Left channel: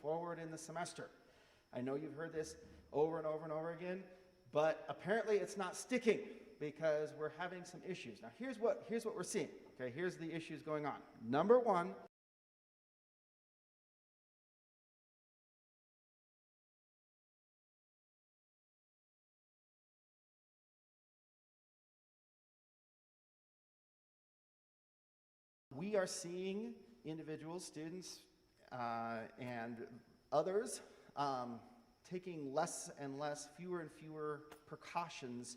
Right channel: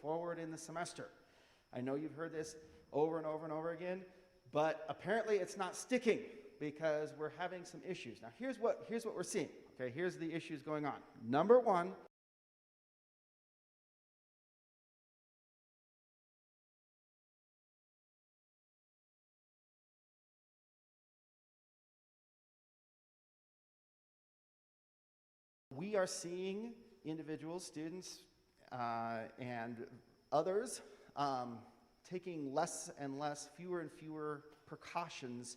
forward in the semester. I know you've heard this over and over and over again, but apparently it's not sticking because we're having some issues. Now here's what we're seeing. Okay, here's the issues going on. Number one, we are seeing individuals, students, and others taking less and less, fewer and fewer precautions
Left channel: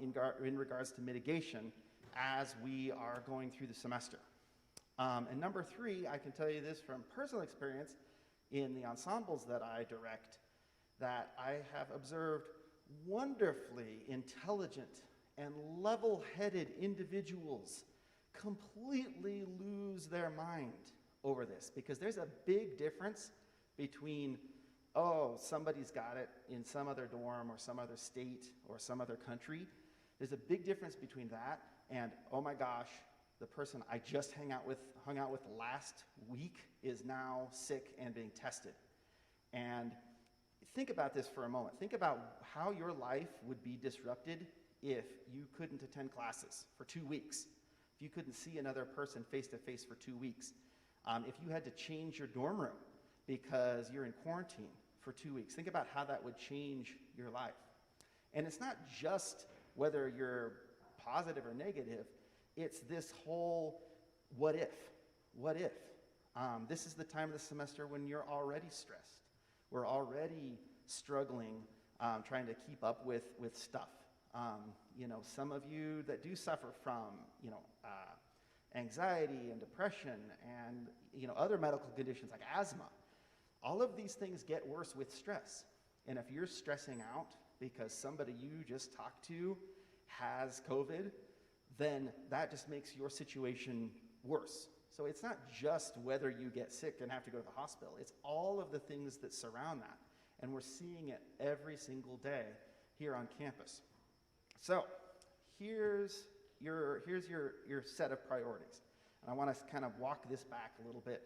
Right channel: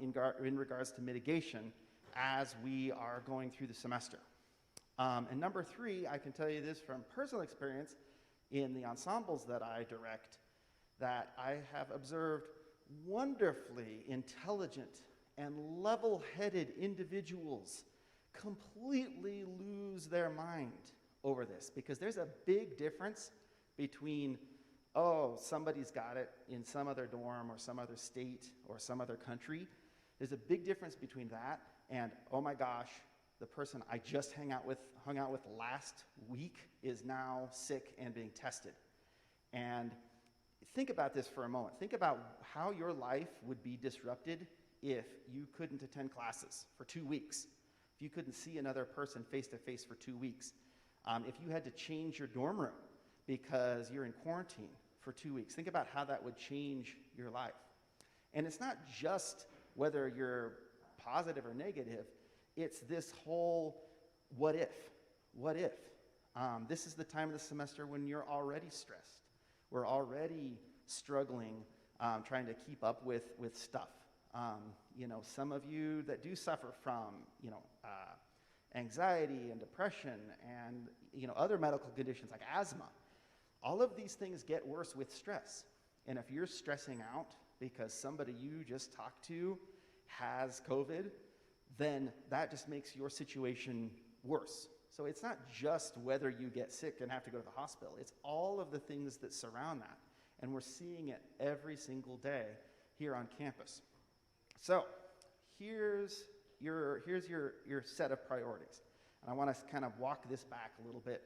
in regards to mitigation as we are going through the semester. And number three, I can tell you this from personal experience in the ensembles that I direct, that I have observed wonderfully intelligent and level-headed individuals completely lose their mind over this, because there's a big difference between, oh, somebody's got it in some other dorm or some other state or some other country. There's a big difference between that and, oh my gosh, the person I just hung out with last week is now sick and being tested. And think about this for a moment. Think about how your life would be disrupted if you couldn't attend classes for 2 weeks. If you couldn't see another person face-to-face for 2 weeks, if you had to change your dorm room because you're in quarantine for 2 weeks, think about how that would change your life. And it's not just whether you're positive or negative, it's this whole what if, what if. This is the time of the semester when you're already stressed. We're already struggling, trying to keep up with stuff. You know, some of you that do suffer from, anxiety and depression and, other medical conditions like asthma, all of these things get worse with stress. And if you're stressing out because somebody you just talked to has COVID, then that just makes your situation worse. So it's not just whether you get sick and have to go to the hospital, it's all of the things that surround that. And we're seeing it every single day here on campus. So here's your set of priorities. And I want to kind of walk this back a little bit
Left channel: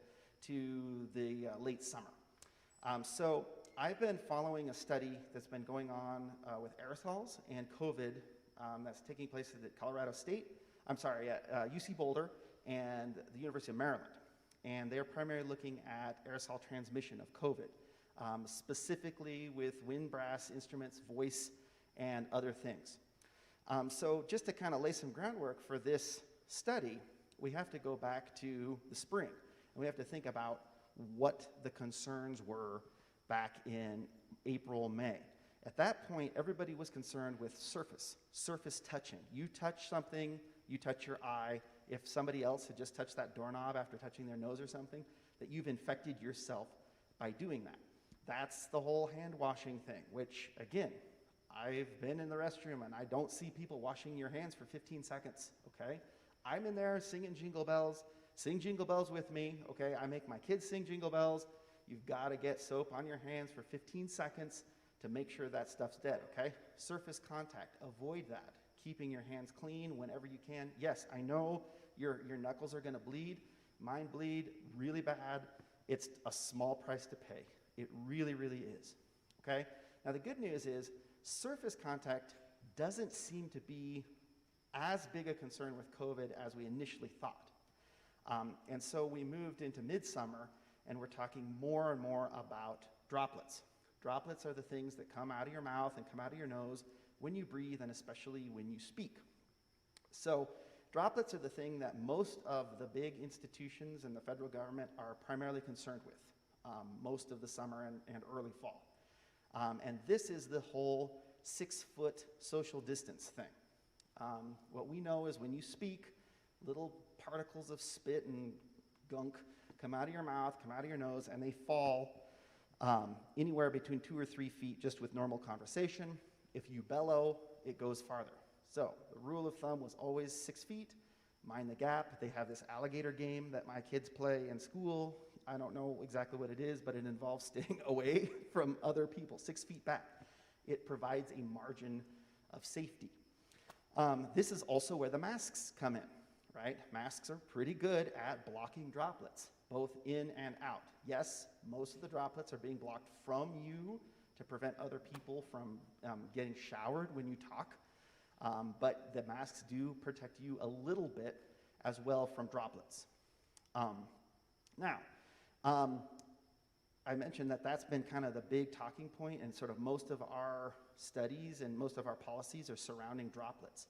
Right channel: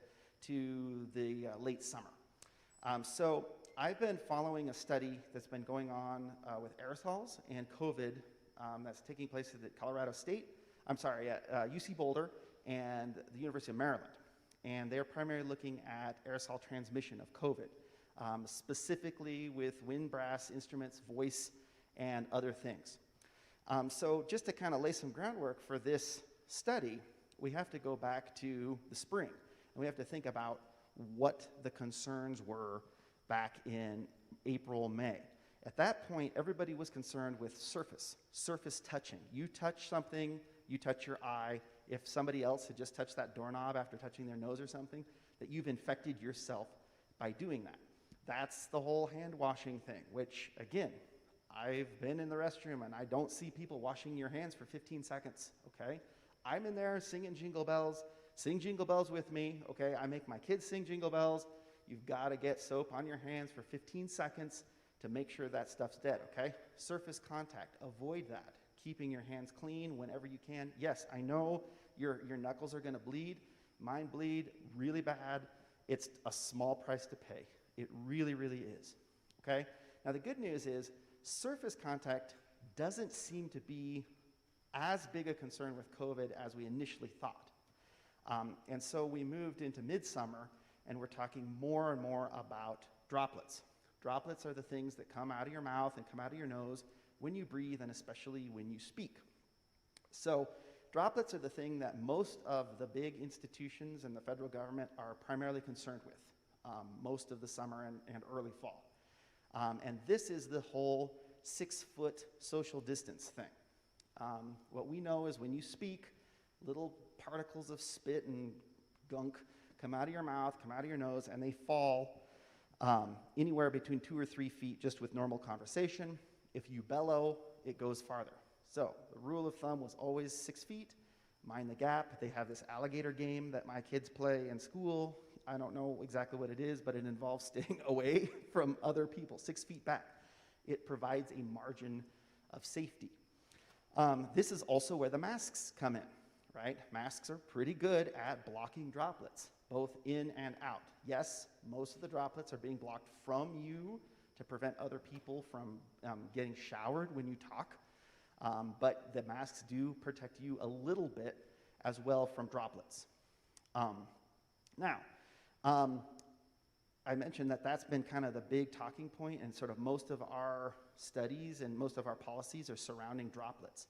to the late summer. So I've been following a study that's been going on with aerosols and COVID that's taking place at Colorado State, UC Boulder and the University of Maryland. And they're primarily looking at aerosol transmission of COVID, specifically with wind brass instruments, voice, and other things. So just to kind of lay some groundwork for this study, we have to go back to the spring, and we have to think about what the concerns were back in April, May. At that point, everybody was concerned with surface touching. You touch something, you touch your eye. If somebody else had just touched that doorknob after touching their nose or something, that you've infected yourself by doing that. That's the whole hand washing thing, which, again, I've been in the restroom and I don't see people washing your hands for 15 seconds, okay? I'm in there singing Jingle Bells. Sing Jingle Bells with me, okay? I make my kids sing Jingle Bells. You've got to get soap on your hands for 15 seconds to make sure that stuff's dead, okay? Surface contact, avoid that. Keeping your hands clean whenever you can. Yes, I know your knuckles are gonna bleed. Mine bleed really bad. It's a small price to pay. It really, really is, okay? Now the good news is surface contact doesn't seem to be as big a concern with COVID as we initially thought. And so we moved into midsummer and we're talking more and more about droplets. Droplets are the things that come out of your mouth and come out of your nose when you breathe and especially when you speak. So droplets are the thing that most of the big institutions and the federal government are primarily concerned with most of the summer and early fall. And this is the whole 6-foot social distance thing. What we know is when you speak, little particles of spit and gunk come out of your mouth, come out of your nose, and they fall anywhere between 2 or 3 feet just with normal conversation. If you bellow, it goes farther. So the rule of thumb was always 6 feet, mind the gap. They have this alligator game that my kids play in school. I don't know exactly what it is, but it involves staying away from other people, 6 feet back. It provides a margin of safety. This is also where the masks come in, right? Masks are pretty good at blocking droplets. both in and out. Yes, most of the droplets are being blocked from you to prevent other people from getting showered when you talk, but the masks do protect you a little bit as well from droplets. Now, I mentioned that that's been kind of the big talking point, and sort of most of our studies and most of our policies are surrounding droplets.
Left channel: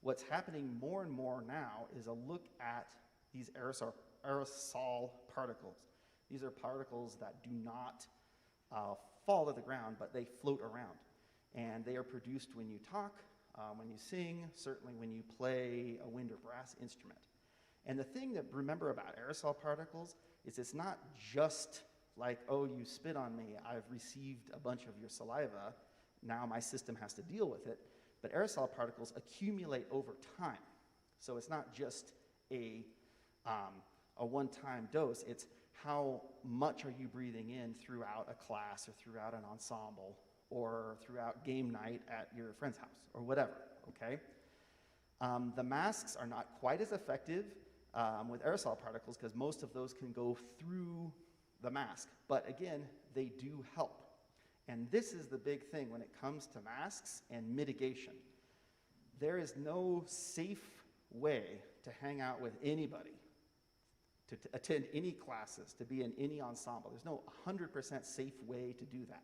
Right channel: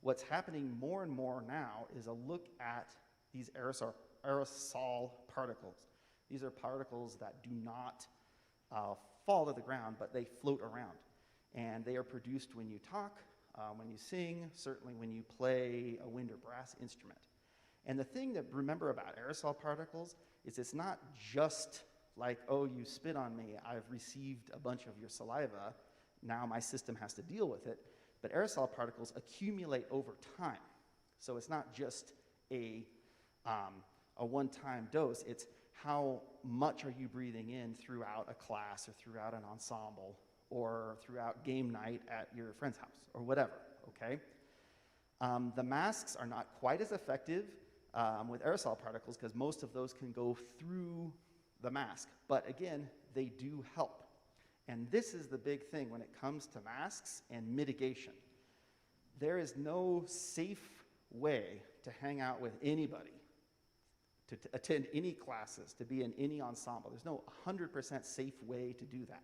What's happening more and more now is a look at these aerosol particles. These are particles that do not fall to the ground, but they float around. And they are produced when you talk, when you sing, certainly when you play a wind or brass instrument. And the thing to remember about aerosol particles is it's not just like, oh, you spit on me, I've received a bunch of your saliva, now my system has to deal with it. But aerosol particles accumulate over time. So it's not just a one-time dose, it's how much are you breathing in throughout a class or throughout an ensemble or throughout game night at your friend's house or whatever, okay? The masks are not quite as effective with aerosol particles because most of those can go through the mask, but again, they do help. And this is the big thing when it comes to masks and mitigation. There is no safe way to hang out with anybody, to attend any classes, to be in any ensemble. There's no 100% safe way to do that.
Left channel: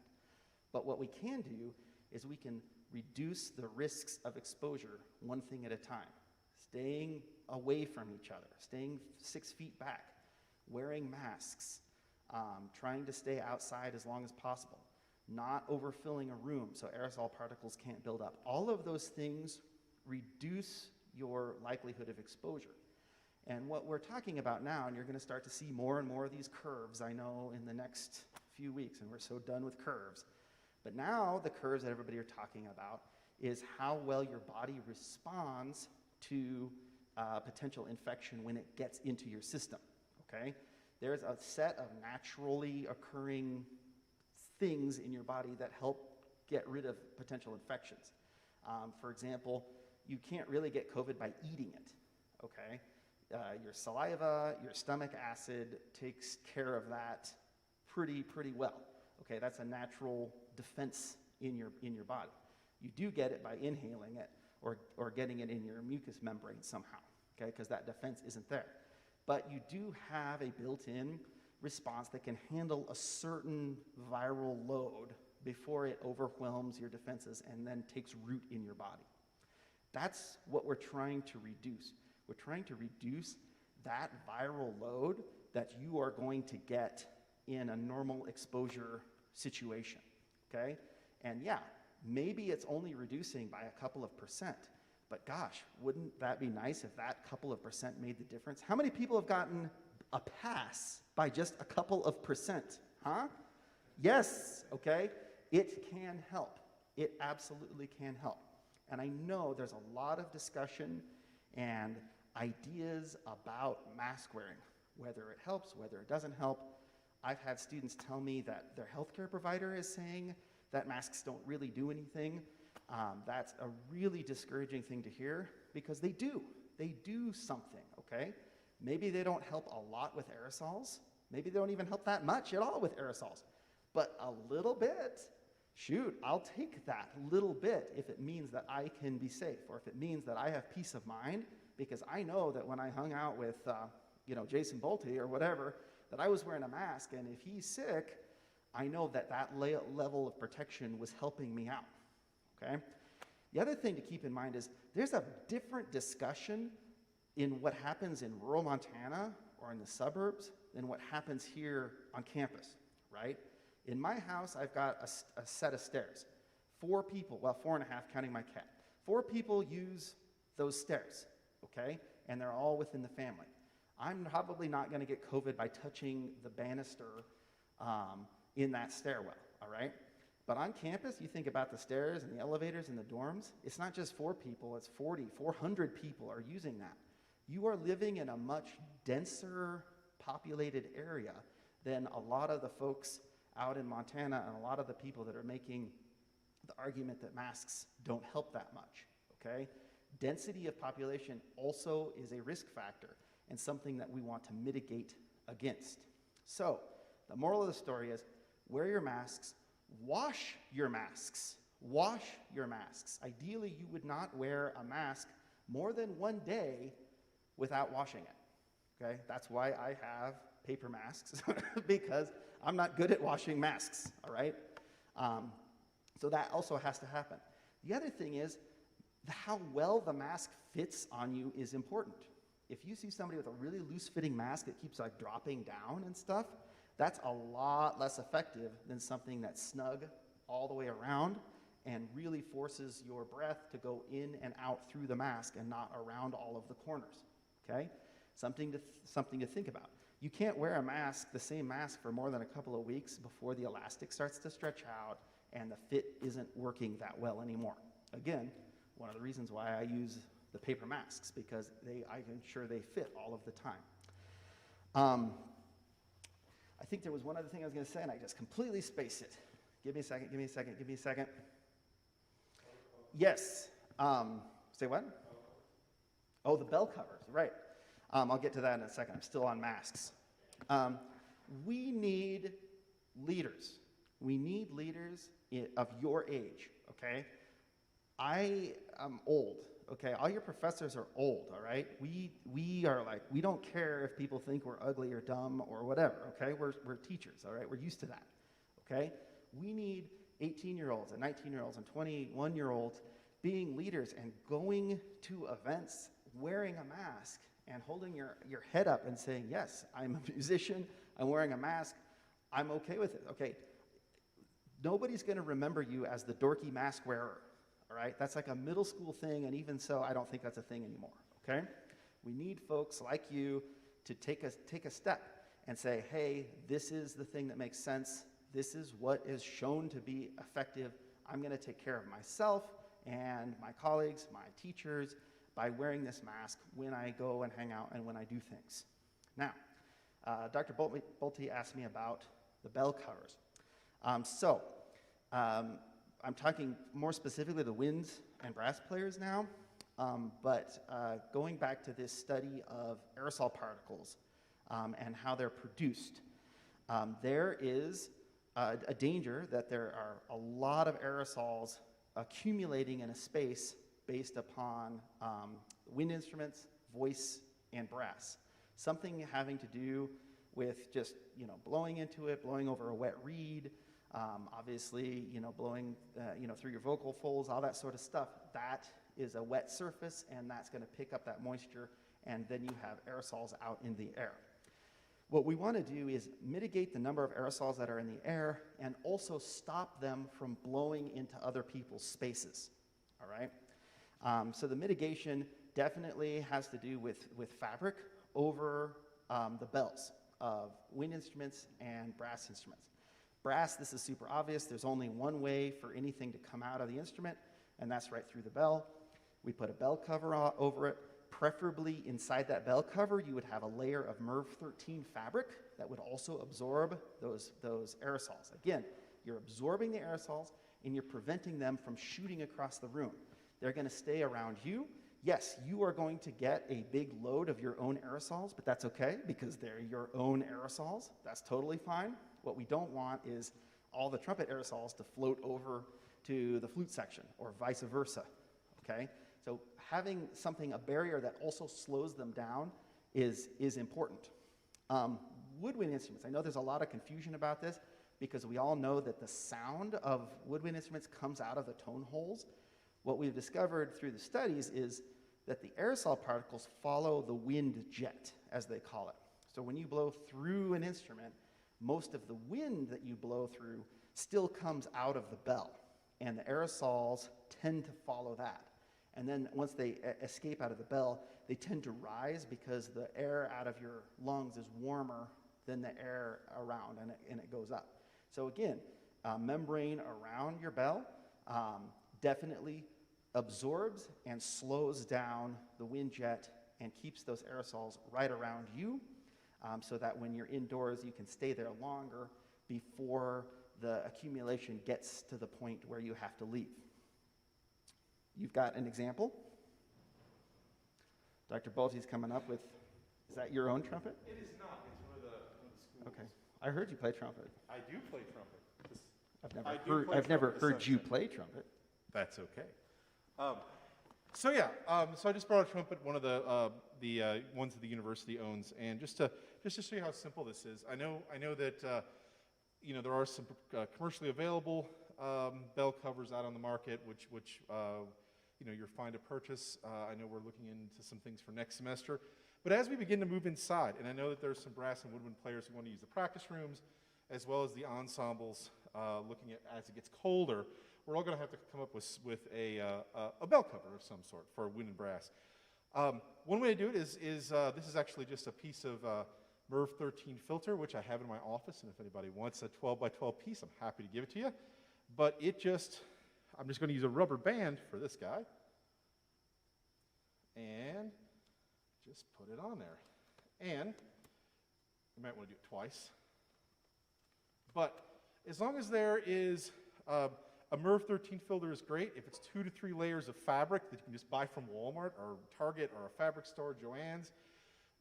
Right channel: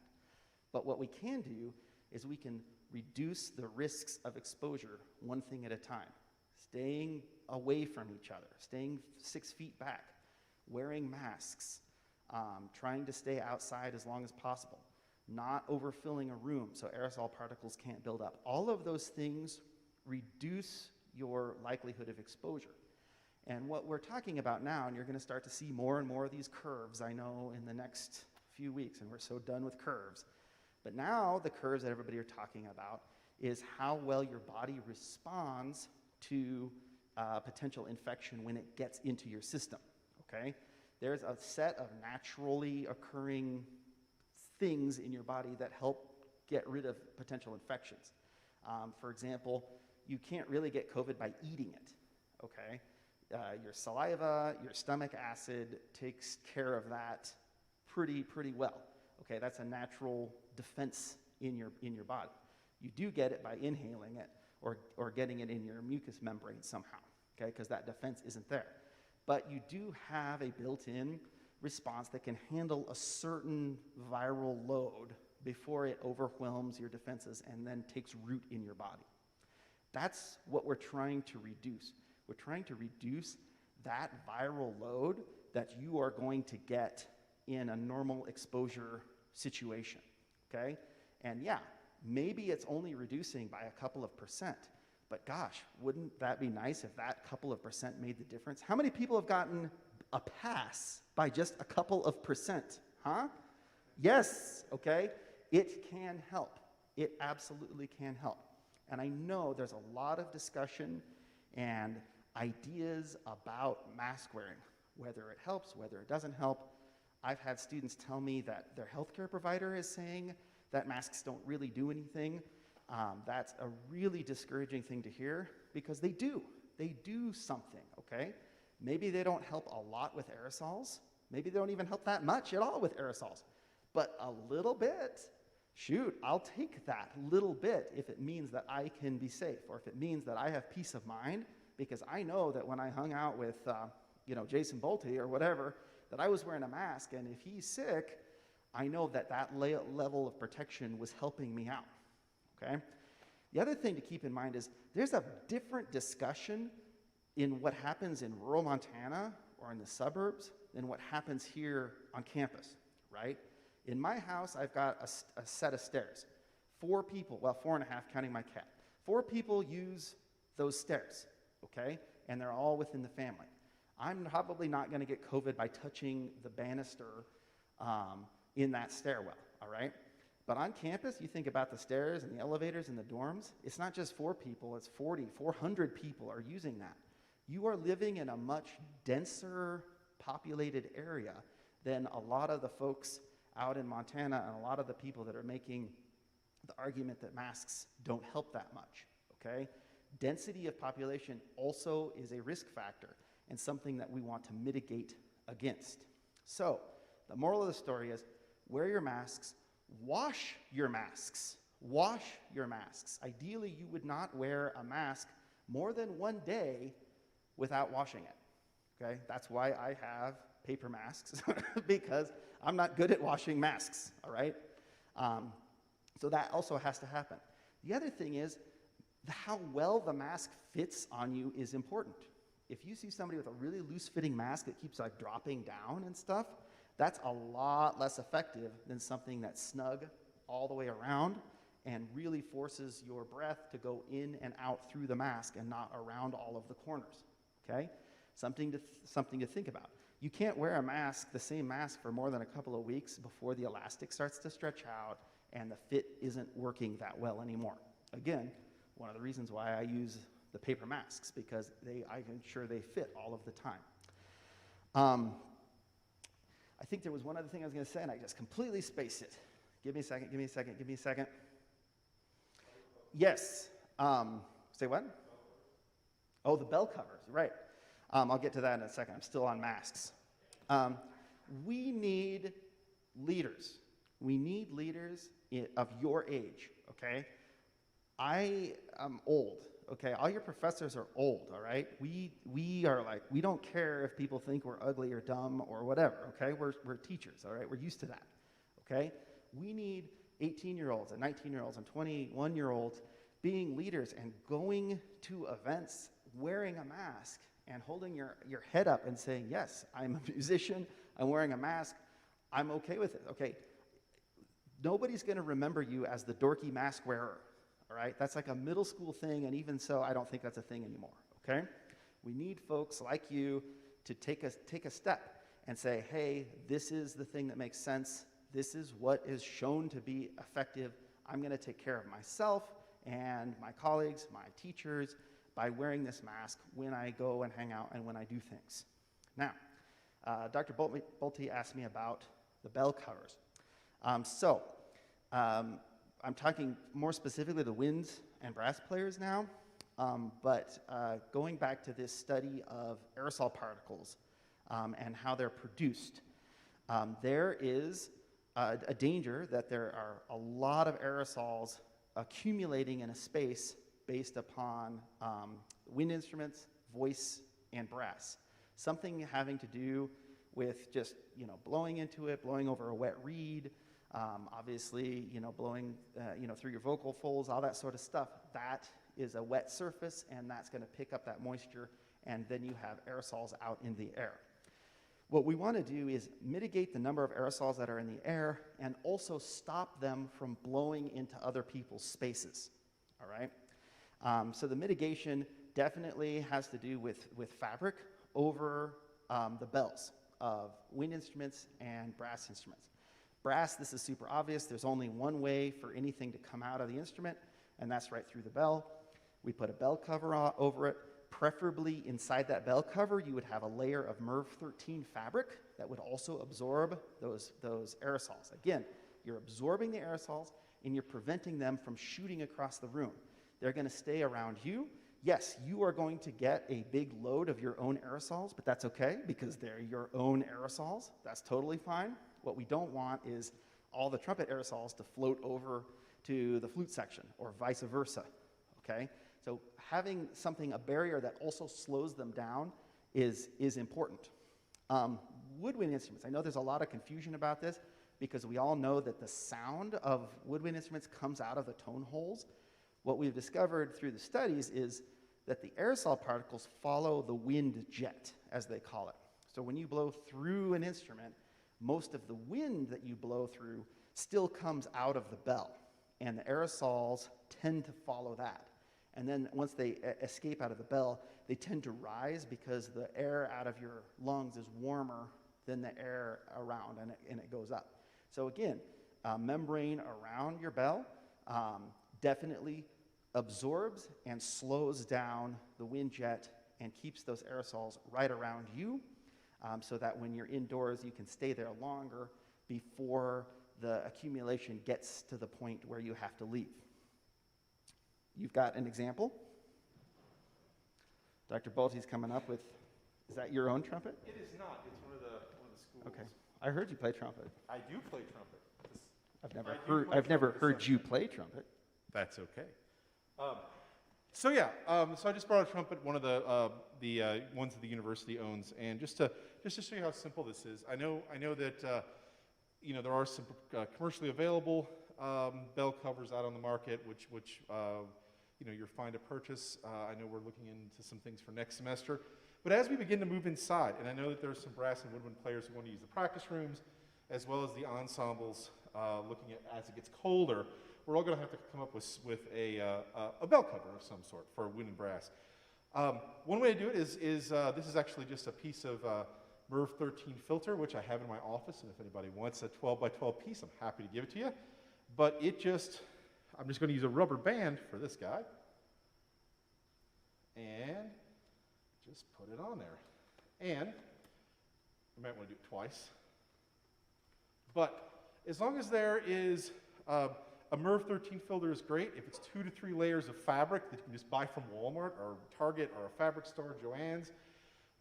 But what we can do is we can reduce the risks of exposure one thing at a time. Staying away from each other, staying 6 feet back, wearing masks, trying to stay outside as long as possible, not overfilling a room so aerosol particles can't build up. All of those things reduce your likelihood of exposure. And what we're talking about now, and you're going to start to see more and more of these curves, I know, in the next few weeks, and we're so done with curves. But now the curves that everybody are talking about is how well your body responds to potential infection when it gets into your system, okay? There's a set of naturally occurring things in your body that help get rid of potential infections. For example, you can't really get COVID by eating it, okay? Your saliva, your stomach acid takes care of that pretty well. Okay, that's a natural defense in your body. You do get it by inhaling it or getting it in your mucous membrane somehow, okay, because that defense isn't there. But you do have a built-in response that can handle a certain viral load before it overwhelms your defenses and then takes root in your body. That's what we're trying to reduce. We're trying to reduce that viral load that you are going to get in a normal exposure situation, okay? And yeah, maybe it's only reducing by a couple of percent, but gosh, wouldn't that be nice if that couple of percent made the difference? How many people have gotten a pass by just a couple of percent, huh? Yes, okay? It can help. It absolutely can help. And I know there's a lot of discussion and ideas about mask wearing, whether it helps, whether it doesn't help. I've had students tell me that their healthcare provider is saying that masks don't really do anything. That's a really discouraging thing to hear because they do. They do something, okay? Maybe they don't help a lot with aerosols. Maybe they don't even help that much at all with aerosols. But a little bit, shoot, I'll take that little bit if it means that I can be safe or if it means that I have peace of mind because I know that when I hung out with, Jason Bolte or whatever, that I was wearing a mask, and if he's sick, I know that that level of protection was helping me out, okay? The other thing to keep in mind is there's a different discussion in what happens in rural Montana or in the suburbs than what happens here on campus, right? In my house, I've got a set of stairs. 4 people, well, 4.5 counting my cat. 4 people use those stairs, okay? And they're all within the family. I'm probably not going to get COVID by touching the banister in that stairwell, all right? But on campus, you think about the stairs and the elevators and the dorms, it's not just 4 people, it's 40, 400 people are using that. You are living in a much denser populated area than a lot of the folks out in Montana and a lot of the people that are making the argument that masks don't help that much, okay? Density of population also is a risk factor and something that we want to mitigate against. So the moral of the story is wear your masks, wash your masks. Wash your masks. Ideally, you would not wear a mask more than one day without washing it, okay? That's why I have paper masks, because I'm not good at washing masks, all right? So that also has to happen. The other thing is how well the mask fits on you is important. If you see somebody with a really loose-fitting mask that keeps like dropping down and stuff, that's a lot less effective than something that's snug all the way around and really forces your breath to go in and out through the mask and not around all of the corners, okay? Something to think about. You can't wear a mask, the same mask, for more than a couple of weeks before the elastic starts to stretch out and the fit isn't working that well anymore. Again, one of the reasons why I use the paper masks, because I ensure they fit all of the time. I think there was one other thing I was going to say, and I just completely spaced it. Give me a second. Yes. Say what? Oh, the bell covers, right. I'll get to that in a second. I'm still on masks. We need leaders. We need leaders of your age, okay? I am old, okay? All your professors are old, all right? We are like, we don't care if people think we're ugly or dumb or whatever, okay? We're teachers, all right? We're used to that, okay? We need 18-year-olds and 19-year-olds and 21-year-olds being leaders and going to events wearing a mask and holding your head up and saying, yes, I'm a musician, I'm wearing a mask, I'm okay with it, okay? Nobody's going to remember you as the dorky mask wearer, all right? That's like a middle school thing, and even so, I don't think that's a thing anymore, okay? We need folks like you to take a step and say, hey, this is the thing that makes sense. This is what is shown to be effective. I'm going to take care of myself and my colleagues, my teachers, by wearing this mask when I go and hang out and when I do things. Now, Dr. Bolte asked me about the bell covers. I'm talking more specifically the winds and brass players now, but going back to this study of aerosol particles and how they're produced, there is a danger that there are a lot of aerosols accumulating in a space based upon wind instruments, voice, and brass. Something having to do with just, blowing into it, blowing over a wet reed, obviously, blowing, through your vocal folds, all that sort of stuff. That is a wet surface, and that's going to pick up that moisture, and then you have aerosols out in the air. What we want to do is mitigate the number of aerosols that are in the air and also stop them from blowing into other people's spaces, all right? So the mitigation definitely has to do with fabric over the bells of wind instruments and brass instruments. Brass, this is super obvious. There's only one way for anything to come out of the instrument, and that's right through the bell. We put a bell cover over it. Preferably inside that bell cover, you would have a layer of MERV 13 fabric that would also absorb those aerosols. Again, you're absorbing the aerosols, and you're preventing them from shooting across the room. They're going to stay around you. Yes, you are going to get a big load of your own aerosols, but that's okay because they're your own aerosols. That's totally fine. What we don't want is all the trumpet aerosols to float over to the flute section or vice versa, okay? So having a barrier that also slows them down is important. Woodwind instruments, I know there's a lot of confusion about this because we all know that the sound of woodwind instruments comes out of the tone holes. What we've discovered through the studies is that the aerosol particles follow the wind jet, as they call it. So when you blow through an instrument, most of the wind that you blow through still comes out of the bell, and the aerosols tend to follow that. And then once they escape out of the bell, they tend to rise because the air out of your lungs is warmer than the air around, and it goes up. So again, membrane around your bell definitely absorbs and slows down the wind jet and keeps those aerosols right around you so that when you're indoors, you can stay there longer before the accumulation gets to the point where you have to leave. You've got an example. Dr. Bolte's coming up with, is that your own trumpet? It is not. It's one of the Okay. I heard you play trumpet. I do play trumpet. I've never heard you play trumpet. That's okay. So I just brought a trumpet, one of the ones that the university owns, and just to show you how simple this is. I know that there are some commercially available bell covers out on the market, which you're fine to purchase. I know we're looking into some things for next semester, but as we begin to move inside, and I know that there's some brass and woodwind players who want to use the practice rooms, as well as the ensembles. Looking at as it gets colder, we're all going to have to come up with a bell cover of some sort for wind and brass. One way to do it is this is actually just a piece of MERV 13 filter, which I have in my office, and if anybody wants a 12 by 12 piece, I'm happy to give it to you. But I'm just going to use a rubber band for this guy, and just put it on there. And you might want to do it twice. But as long as there is a MERV 13 filter is great. If it's 2 to 3 layers of fabric that you can just buy from Walmart or Target or a fabric store, Joann's,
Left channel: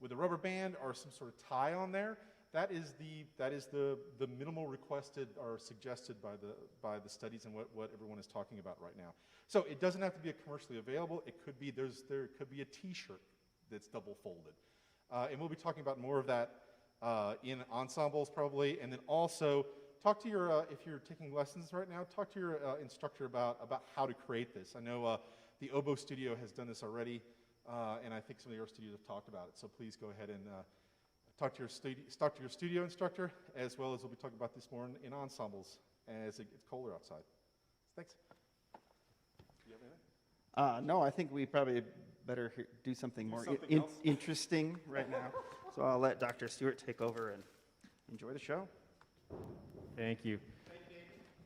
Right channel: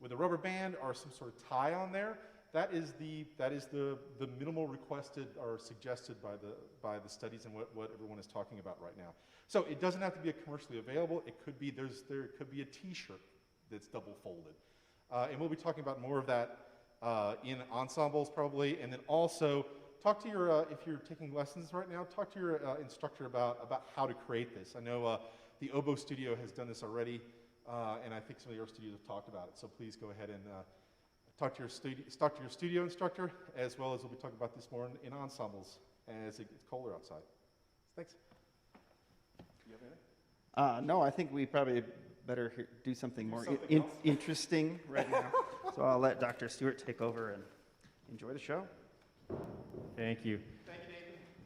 with a rubber band or some sort of tie on there, that is the minimal requested or suggested by the studies and what everyone is talking about right now. So it doesn't have to be a commercially available. It could be there could be a T-shirt that's double folded, and we'll be talking about more of that in ensembles probably, and then also. Talk to your, if you're taking lessons right now, talk to your instructor about how to create this. I know the Oboe Studio has done this already, and I think some of your studios have talked about it. So please go ahead and talk to your studio instructor, as well as we'll be talking about this more in ensembles as it gets colder outside. Thanks. Do you have anything? No, I think we probably better do something more interesting right now. So I'll let Dr. Stewart take over and enjoy the show. Thank you.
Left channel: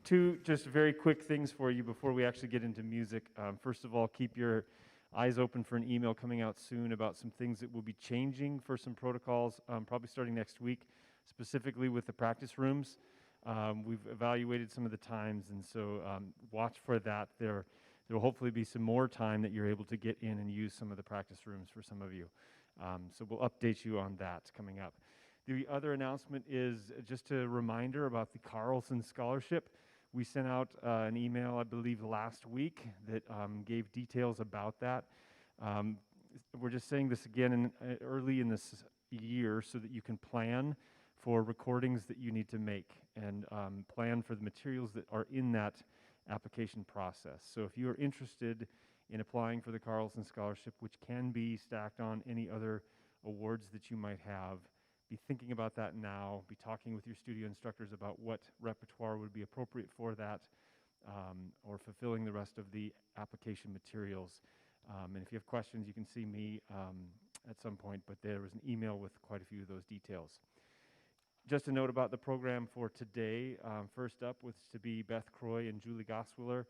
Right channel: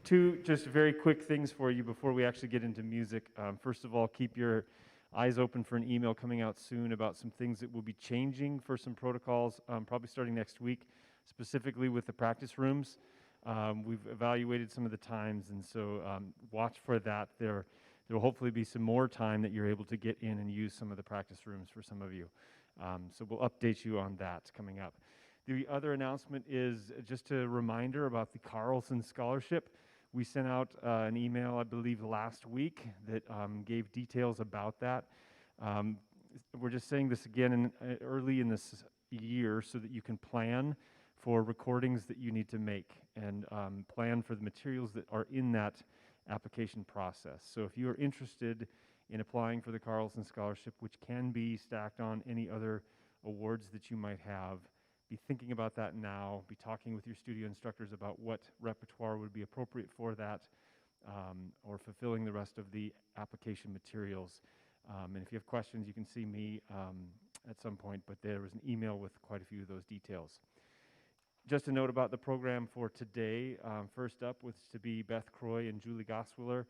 Two just very quick things for you before we actually get into music. First of all, keep your eyes open for an email coming out soon about some things that will be changing for some protocols, probably starting next week, specifically with the practice rooms. We've evaluated some of the times, and so watch for that. There will hopefully be some more time that you're able to get in and use some of the practice rooms for some of you. So we'll update you on that coming up. The other announcement is just a reminder about the Carlson Scholarship. We sent out an email, I believe, last week that gave details about that. We're just saying this again early in this year so that you can plan for recordings that you need to make and plan for the materials that are in that application process. So if you are interested in applying for the Carlson Scholarship, which can be stacked on any other awards that you might have, be thinking about that now, be talking with your studio instructors about what repertoire would be appropriate for that, or fulfilling the rest of the application materials. And if you have questions, you can see me at some point, but there was an email with quite a few of those details. Just a note about the program for today. First up was to be Beth Croy and Julie Gosswiller.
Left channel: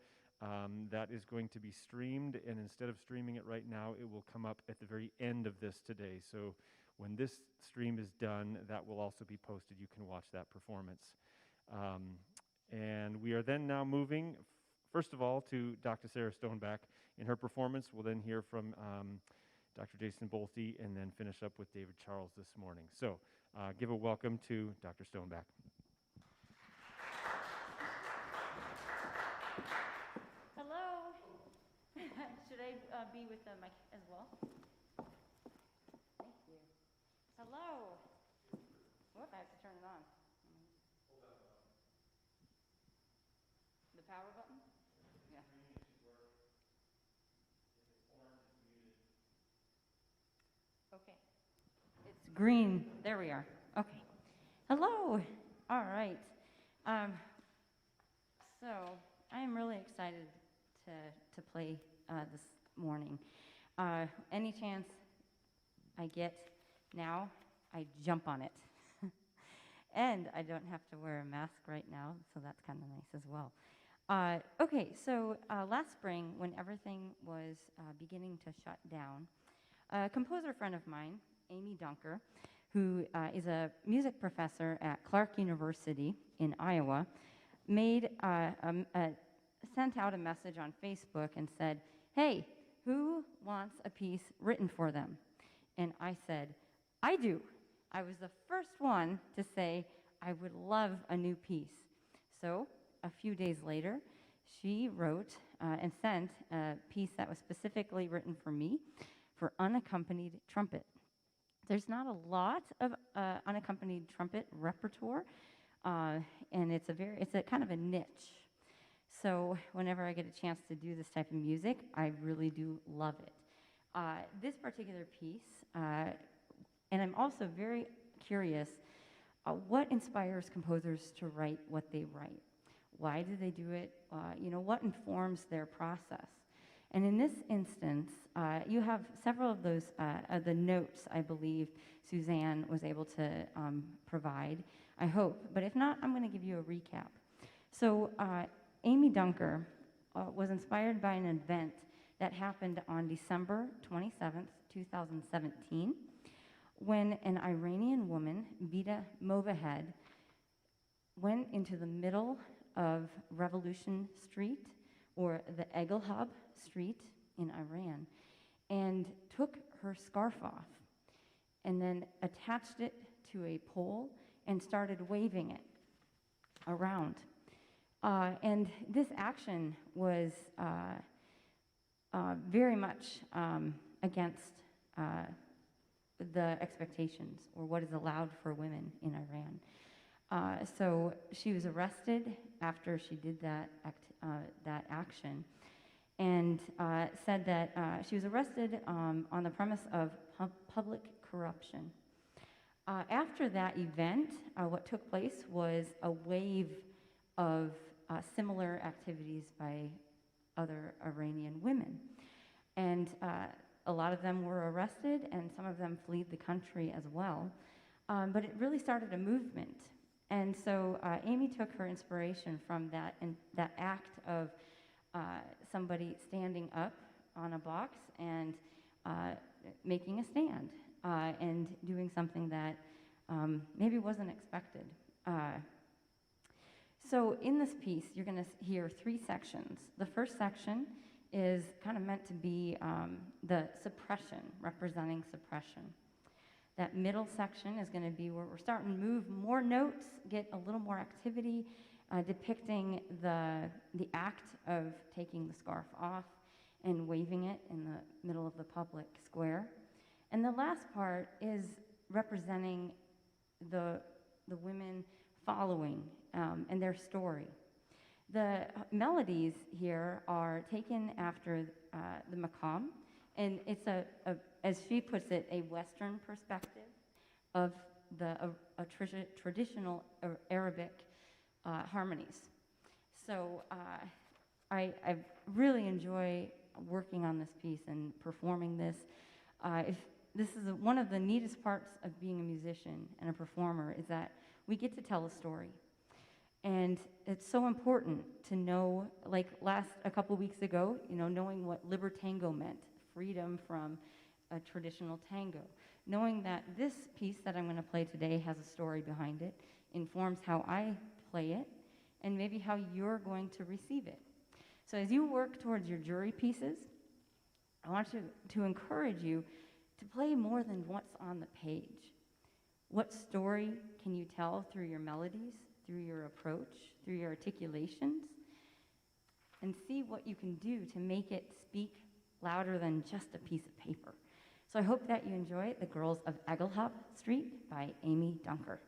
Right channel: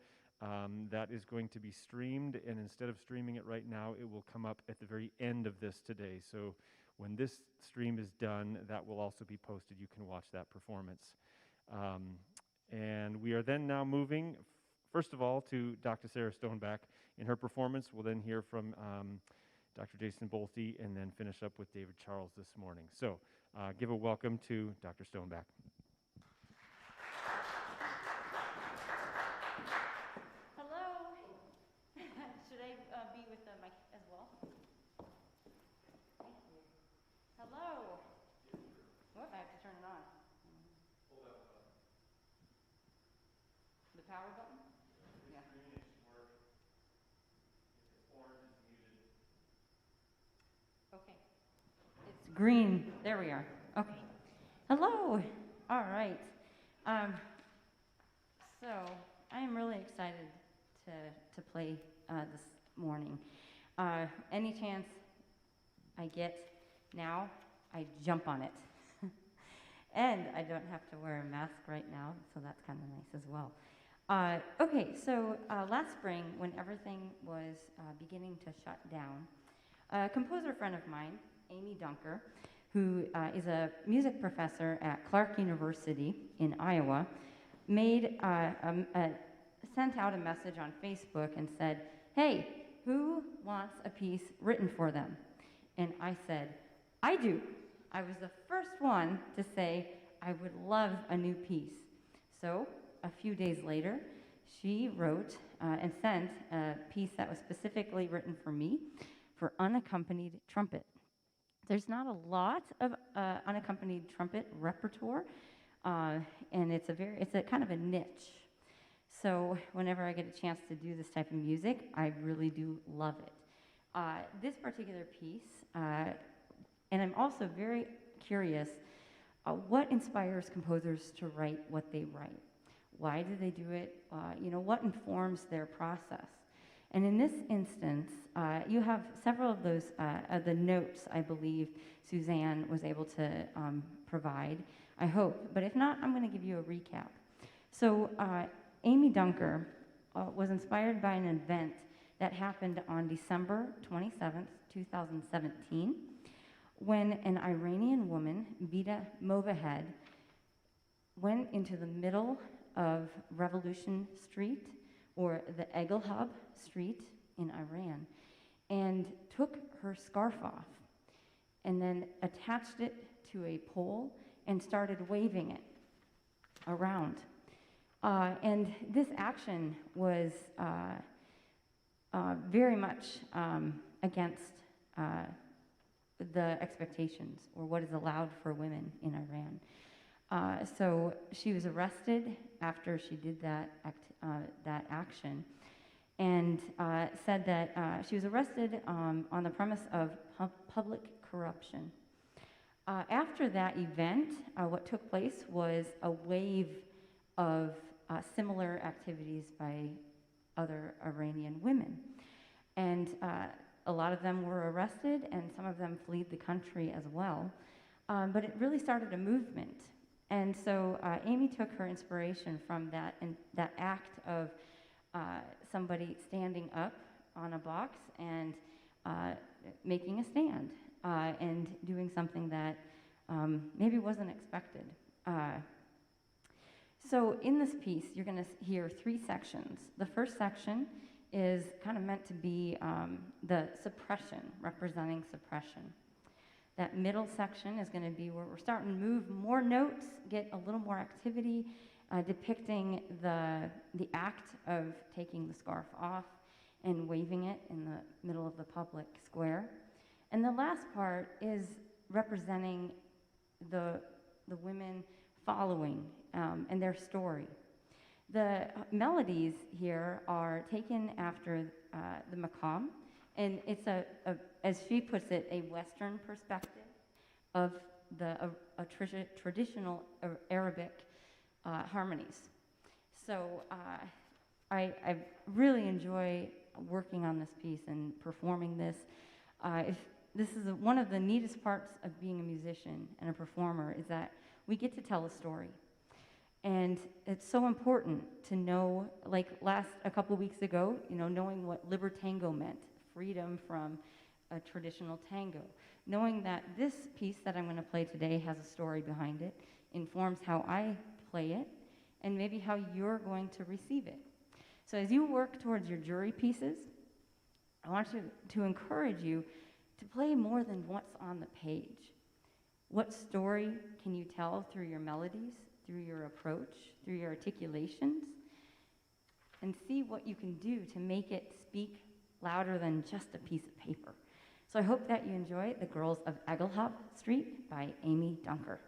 That is going to be streamed, and instead of streaming it right now, it will come up at the very end of this today. So when this stream is done, that will also be posted. You can watch that performance. And we are then now moving, first of all, to Dr. Sarah Stoneback. In her performance, we'll then hear from Dr. Jason Bolte and then finish up with David Charles this morning. So give a welcome to Dr. Stoneback. Green, there we are. Okay. Hello. All right. So I am really excited to play this morning. Any chance I get now, I jump on it. And I don't have to wear a mask right now, so that's kind of nice as well. Okay, so last spring, when everything was beginning to shut down, a composer friend of mine, Amy Dunker, who is a music professor at Clark University in Iowa, sent out a message on Facebook and said, "Hey, who wants a piece written for them?" And I said, "I do." I was the first one to say, I would love a new piece. So a few days later, she wrote and sent a piece that was specifically written for me for unaccompanied trumpet. There's not a lot of unaccompanied trumpet repertoire, and it's a kind of a niche. So whenever I get a chance to do this type of music, I really do love it. This particular piece, and I'm also very curious, what inspires composers to write what they write? Why do they do it? What informs their process? And in this instance, you have several of those, the notes, I believe, Suzanne was able to provide, I hope. But if not, I'm going to give you a recap. So Amy Dunker was inspired by an event that happened on December 27th, 2017, when an Iranian woman, Vida Movahed, went into the middle of Revolution Street, or the Enghelab Street in Iran, and took her scarf off, and then attached it to a pole and started waving it around. And this action was very much against the expectations or what is allowed for women in Iran. So she was arrested after she did that action, and said that she was arrested on the premise of public corruption. After that event, what took place was a wave of similar activities by other Iranian women. And a lot of them were arrested, and some of them fled the country as well. But it really started a movement. And so Amy took her inspiration from that act of somebody standing up on a box and making a stand and doing something that maybe wasn't expected. So in this piece, you're going to hear 3 sections. The first section is kind of meant to be the suppression, representing suppression. That middle section is going to be where we're starting to move more notes, get a little more activity, depicting the act of taking the scarf off and waving it in the middle of the public square. And the last part is representing the women following and their story. The melodies here are taken after the maqam, and it's as she puts it, a Western perspective of a traditional Arabic harmonies. So I really enjoy working on this piece and performing this. This is one of the neatest parts of being a musician and a performer, is that we get to tell a story. And it's so important to know, like a couple weeks ago, knowing what libertango meant, freedom from a traditional tango. Knowing that this piece that I'm going to play today has a story behind it, informs how I play it, and maybe how you're going to receive it. So as you work towards your jury pieces, I want to encourage you to play more than what's on the page. What story can you tell through your melodies, through your approach, through your articulations? And see what you can do to make it speak louder than just a piece of paper. So I hope that you enjoy The Girls of Enghelab Street by Amy Dunker.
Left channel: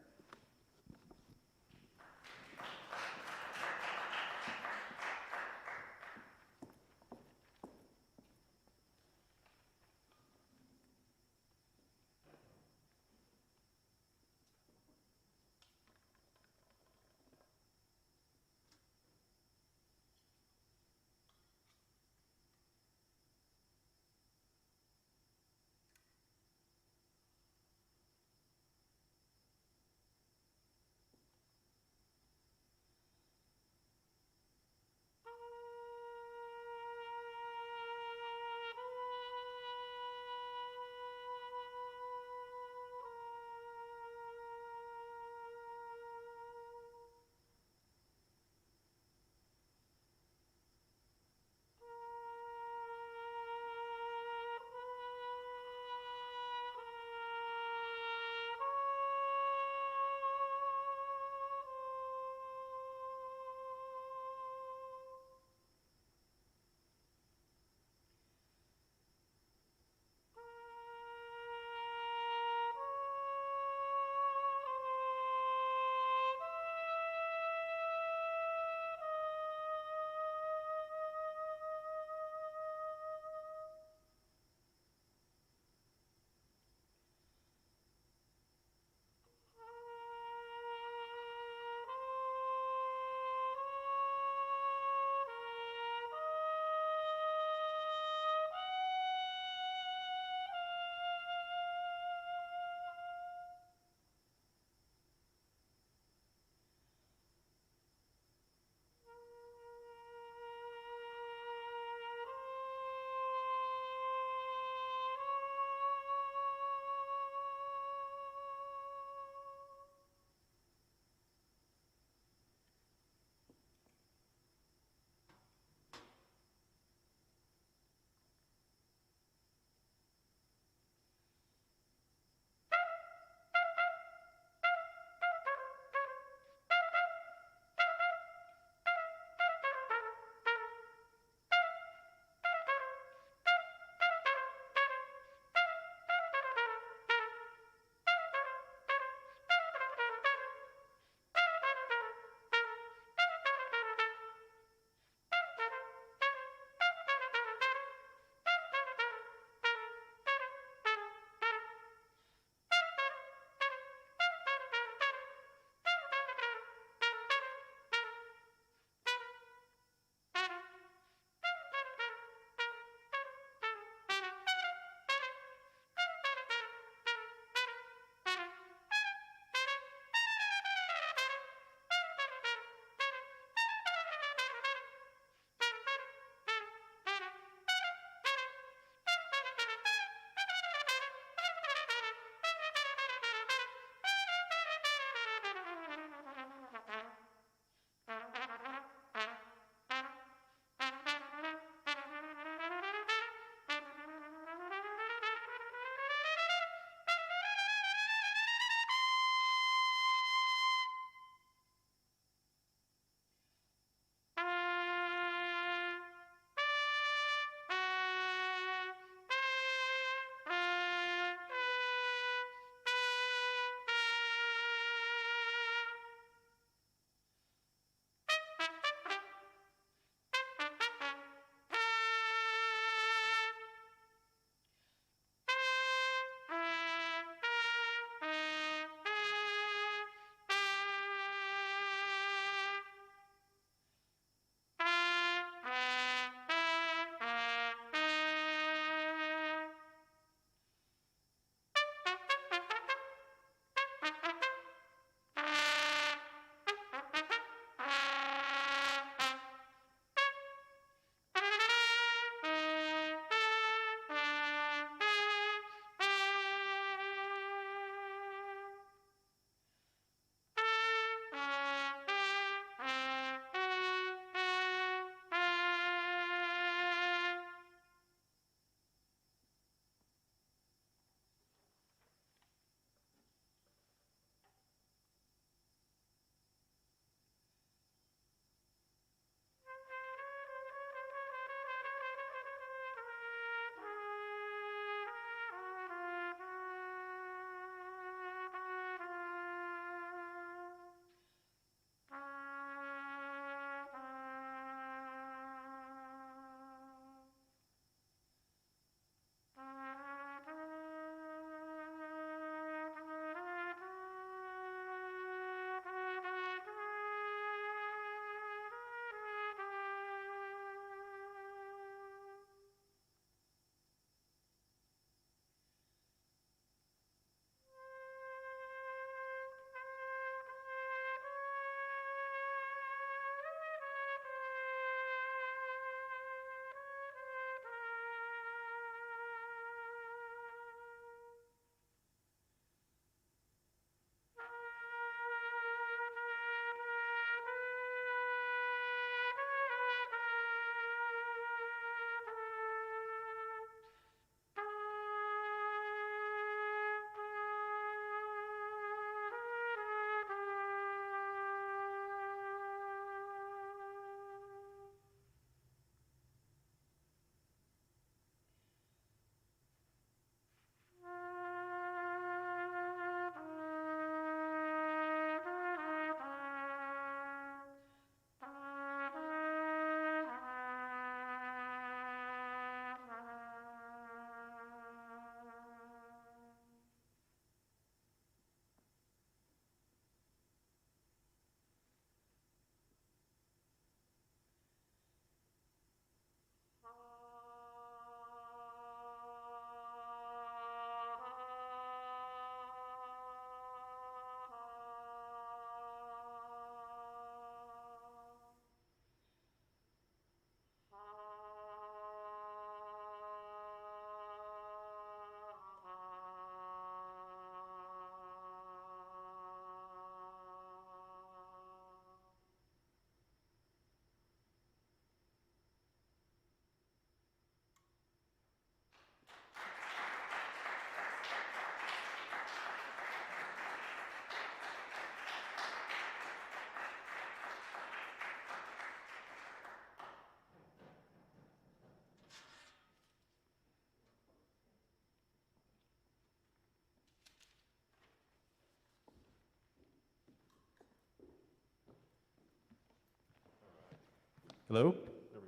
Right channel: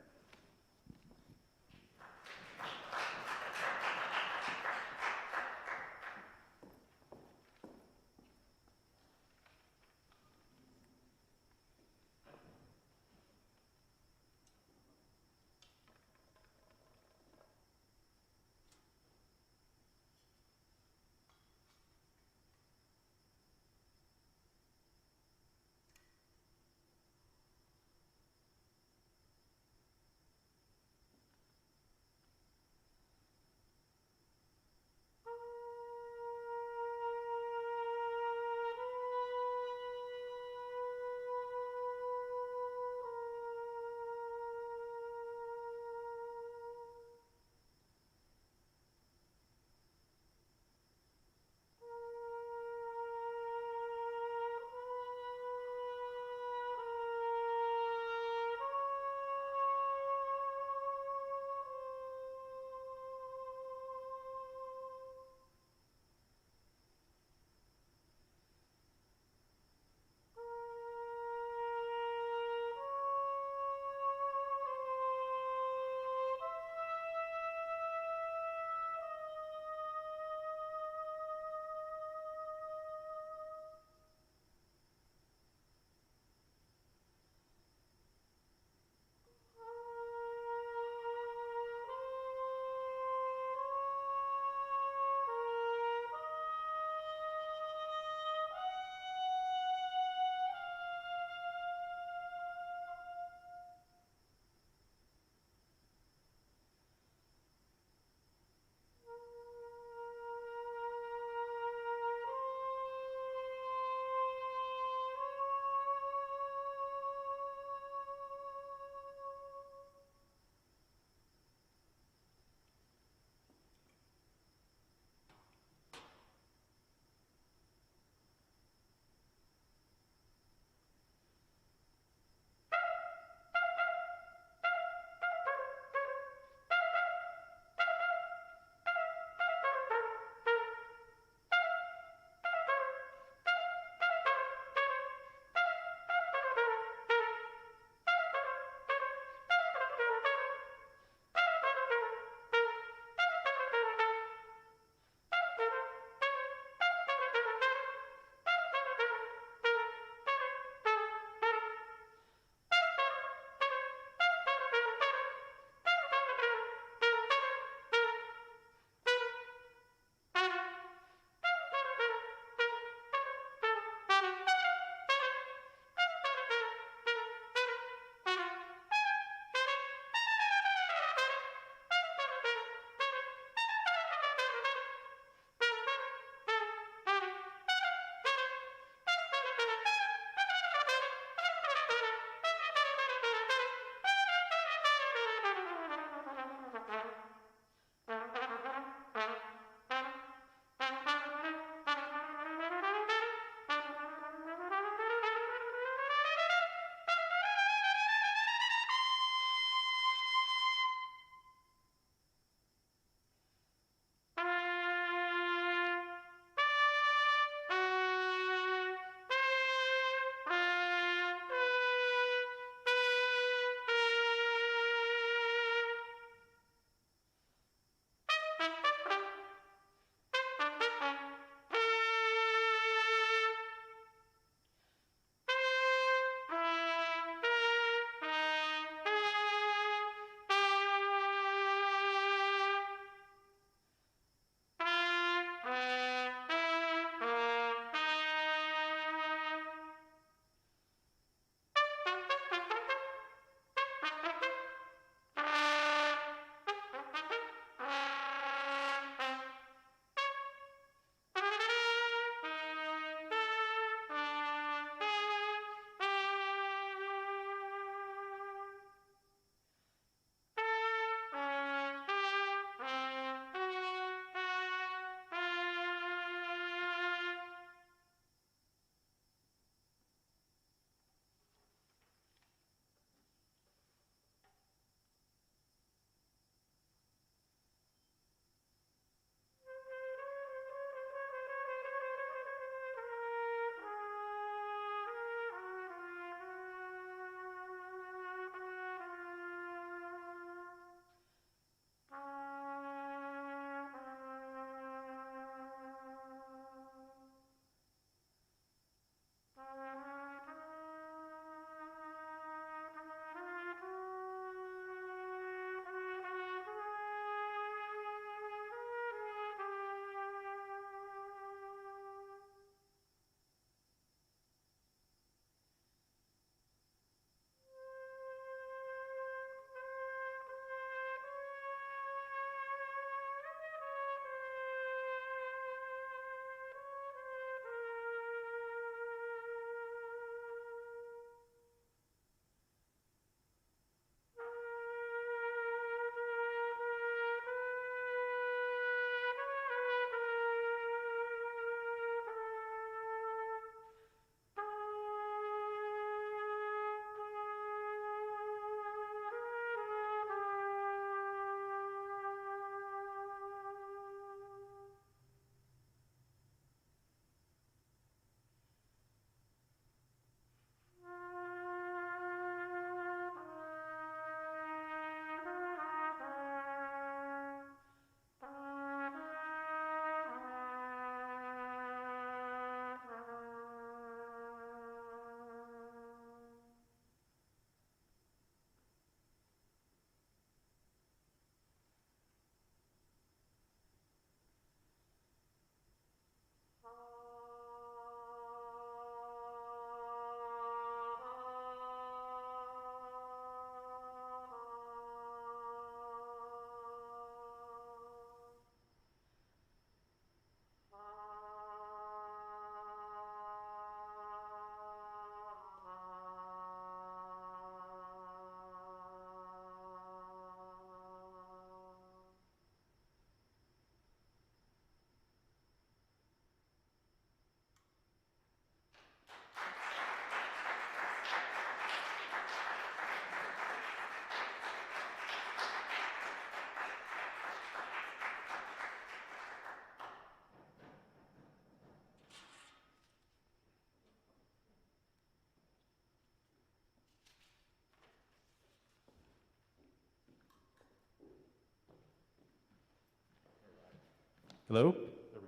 Hello? There we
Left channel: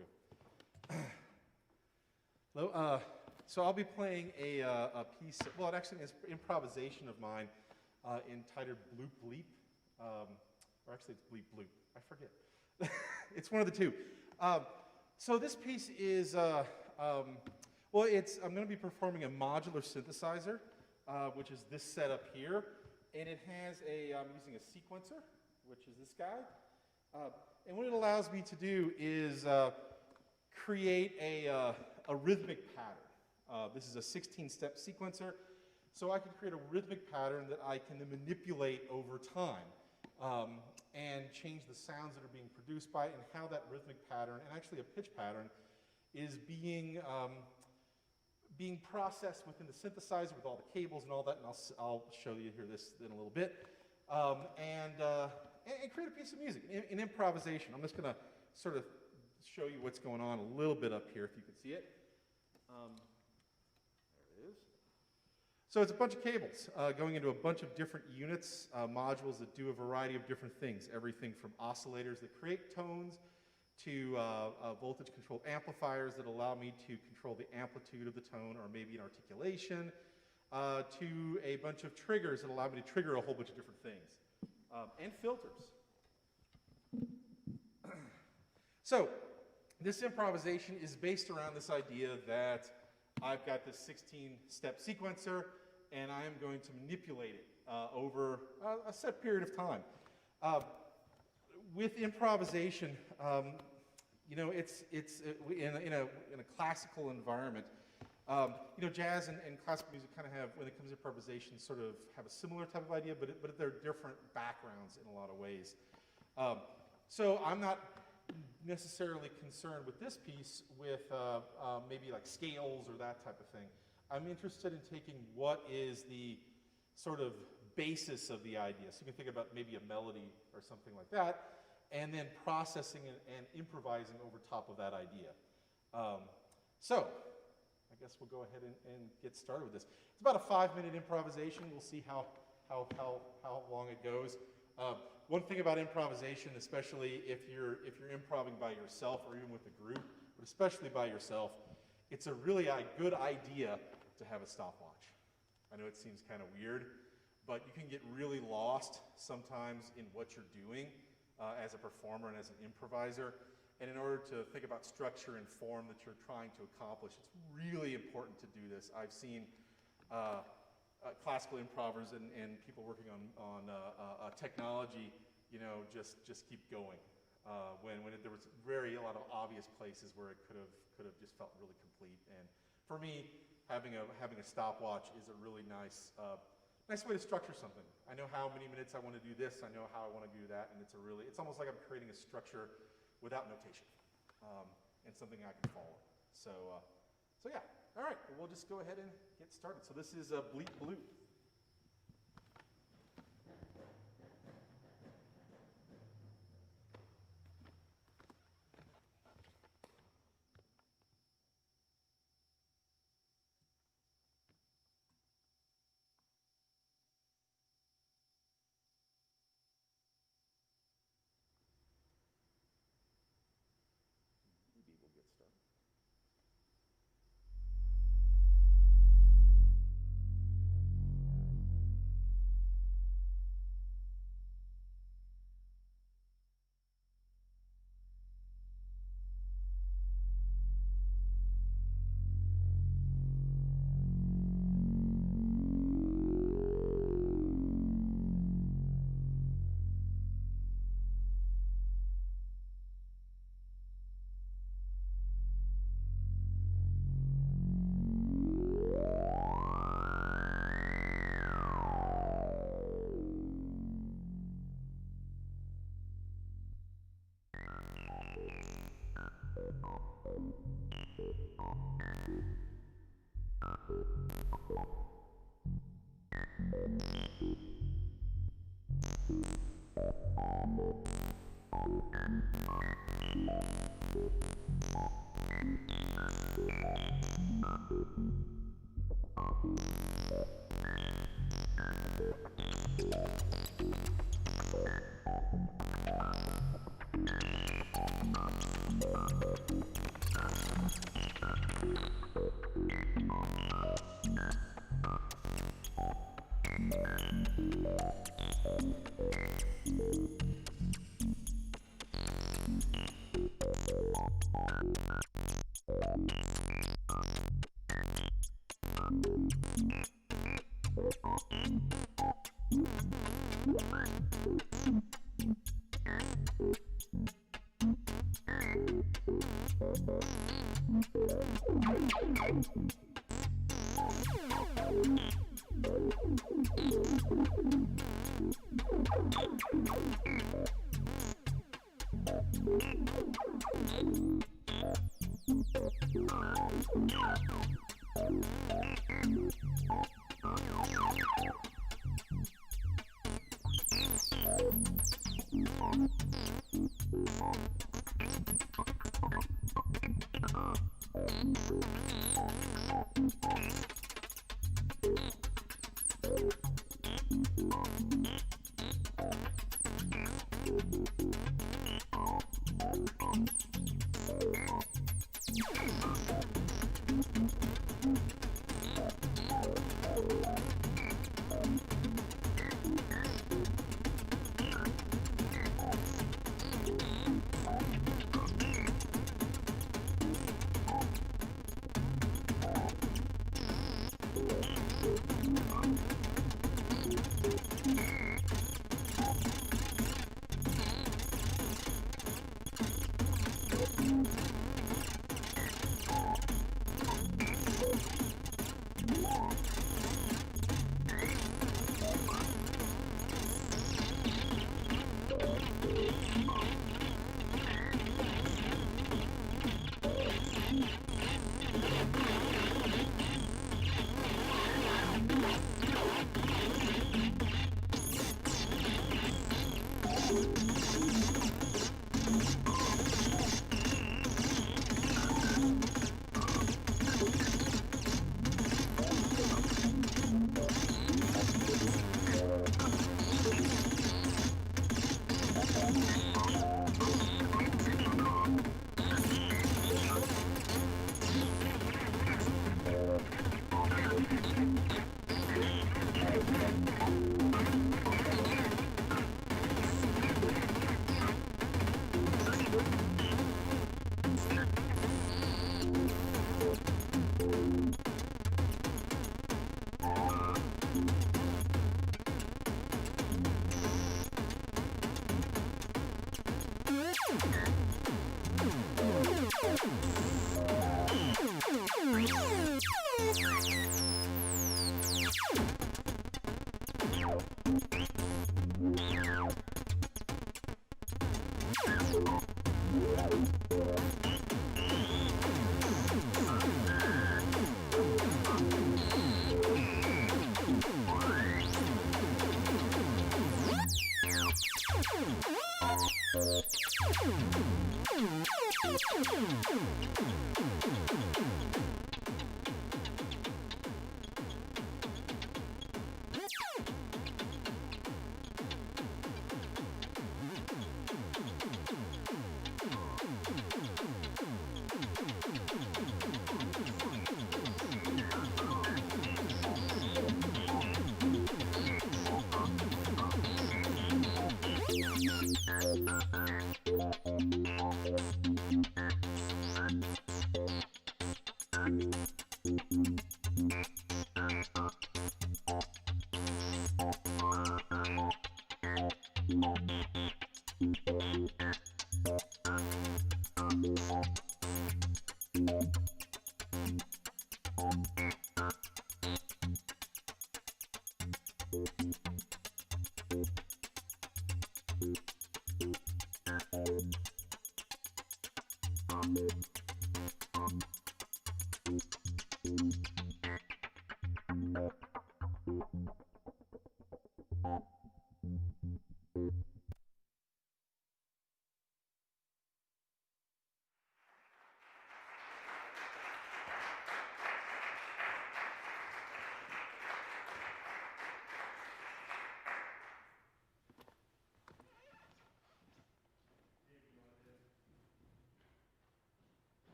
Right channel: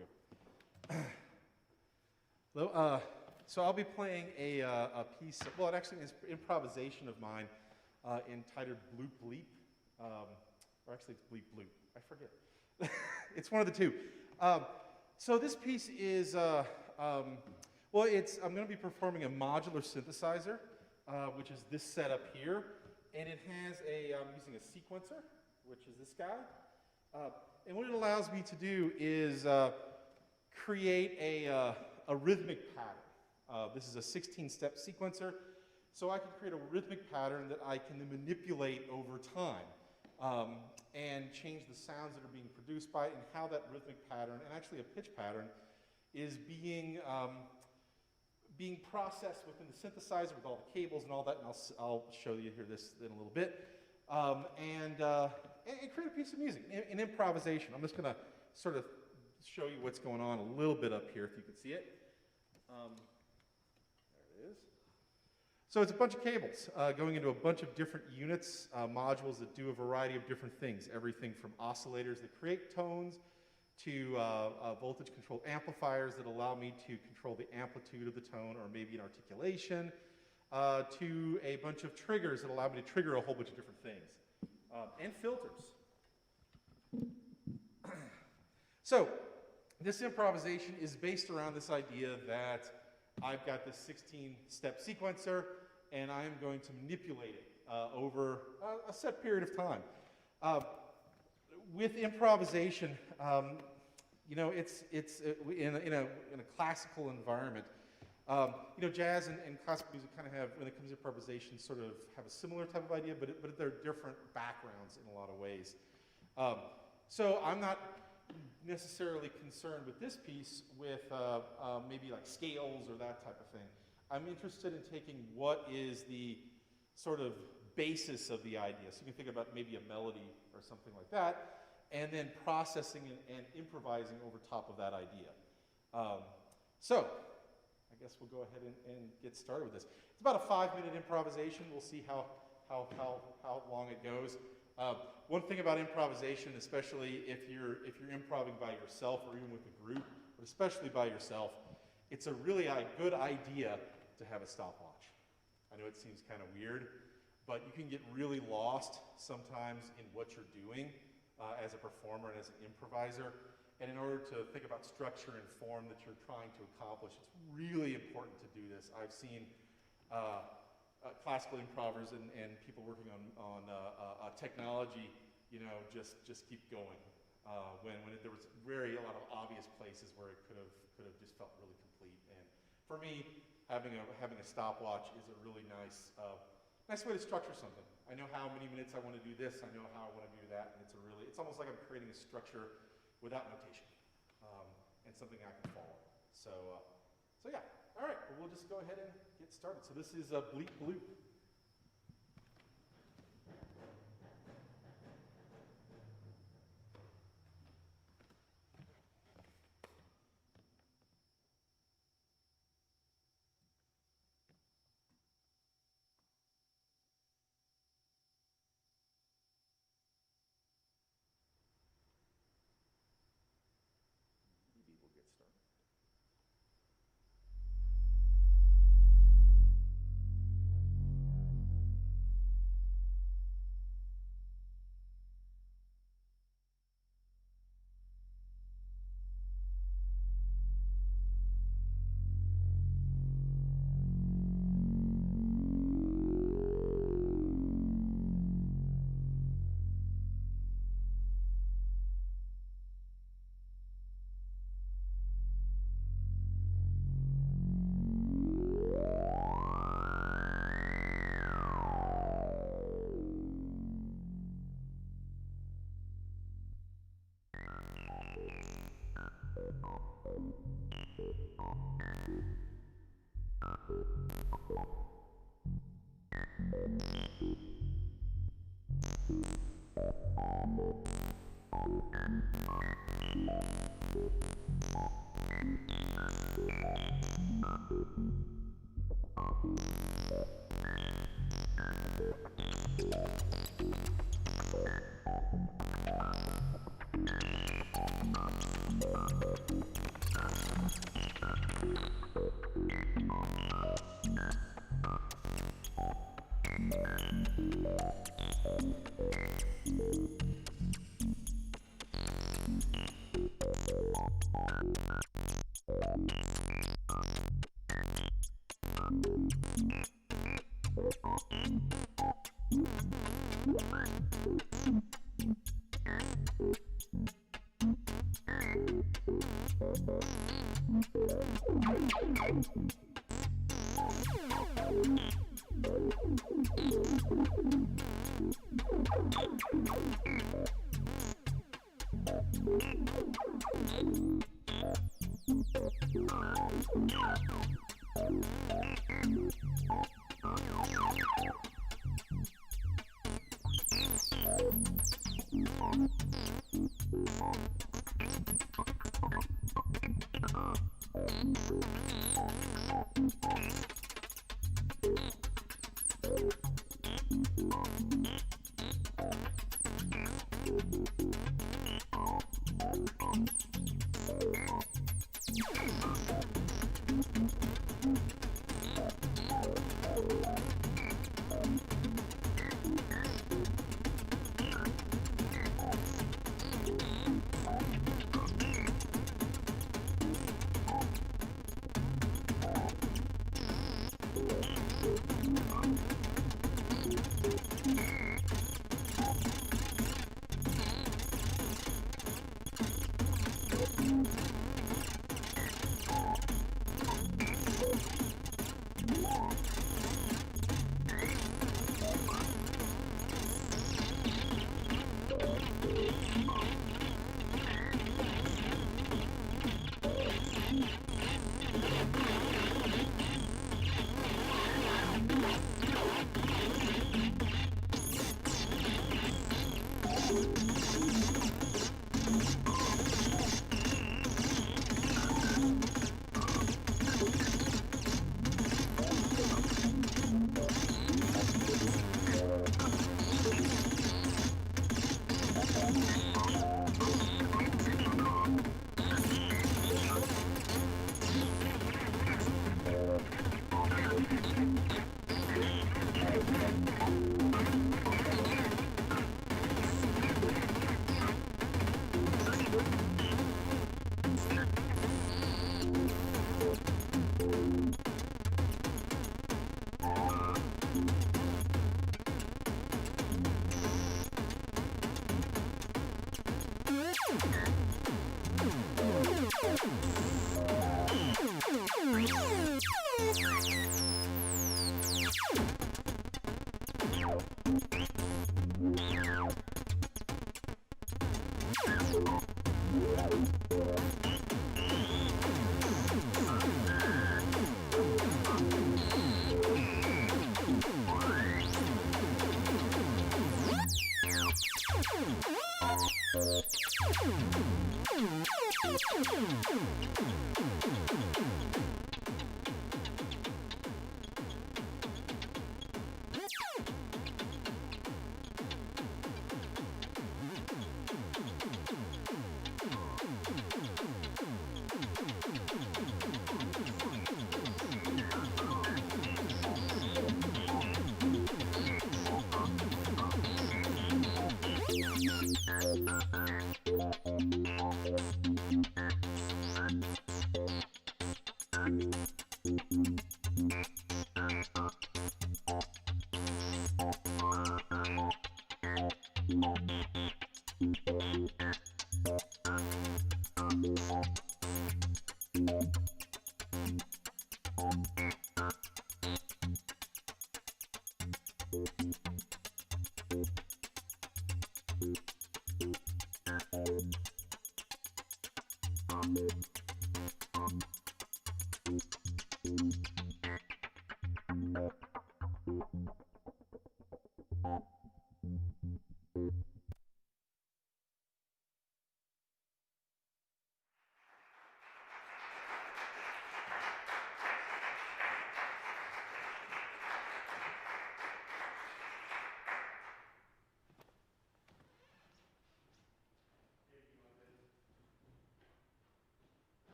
go. Hello. So I'll be playing a piece, well, it actually is improvisation of mine entitled Bloop Bleep. Or actually, it's Bleep Bloop. I forget. It's one of the two. So this piece is, well, I'm going to be performing a modular synthesizer, which is this setup here. And it has I'm using a sequencer, which is this guy. And what it allows me to do is create a rhythmic pattern. This is a 16-step sequencer, so I can create a rhythmic pattern that I can then manipulate over time and change the sounds that are being produced by it and how that rhythmic pattern, and actually a pitch pattern, is being processed within the synthesizer with all the cables and all that, and I'll show you here this in a little bit, and create a piece of music, an improvisation. I'm just going to sort of show you what's going on a little bit up here, if you can see it. There it is. So it's a bunch of cables going into a bunch of different units, modules that do a variety of different things, everything from oscillators that create tones to voltage-controlled amplifiers that allow me to control the amplitude of the tone or maybe an articulation, to a bunch of triggers that allow me to trigger a whole bunch of different things, and filters. So this improvisation is based around this idea that I've got this 16-step sequencer, and I am going to manipulate it over a set period of time. With improvisation, you know, it's in a classical environment. You know, jazz and classical music kind of have, when it comes to improvisation, sort of have a similar type of idea, but they're different backgrounds in a lot of ways. So I'm not necessarily concerned with this piece with maybe like scales or that type of thing. I'm interested in taking what is the sort of basis of the idea. So you can think about maybe a melody or something like that, and then processing and improvising over top of that idea. So I guess we'll go ahead and get started with this. It's about a 5-minute improvisation. We'll see how long it goes. One thing about improvisation, especially if you're improvising by yourself or even with a group, but especially by yourself, it's a really good idea to have a stopwatch. I know it seems kind of weird, but you can get really lost sometimes in what you're doing as a performer and as an improviser. And in order to think about structure and form that you're trying to accomplish, it's really important to do this. I've seen classical improvers and people working on technology, you know, just keep going. When there was a lot of obvious places where it could have just felt really complete. And for me, having a stopwatch is a really nice way to structure something. I know how many minutes I want to do this. I know how I want to do that, and it's almost like I'm creating a structure without notation, and something I can follow. So yeah. All right. Well, we'll just go ahead and get started. So this is a Bleep Bloop. Maybe we'll get started.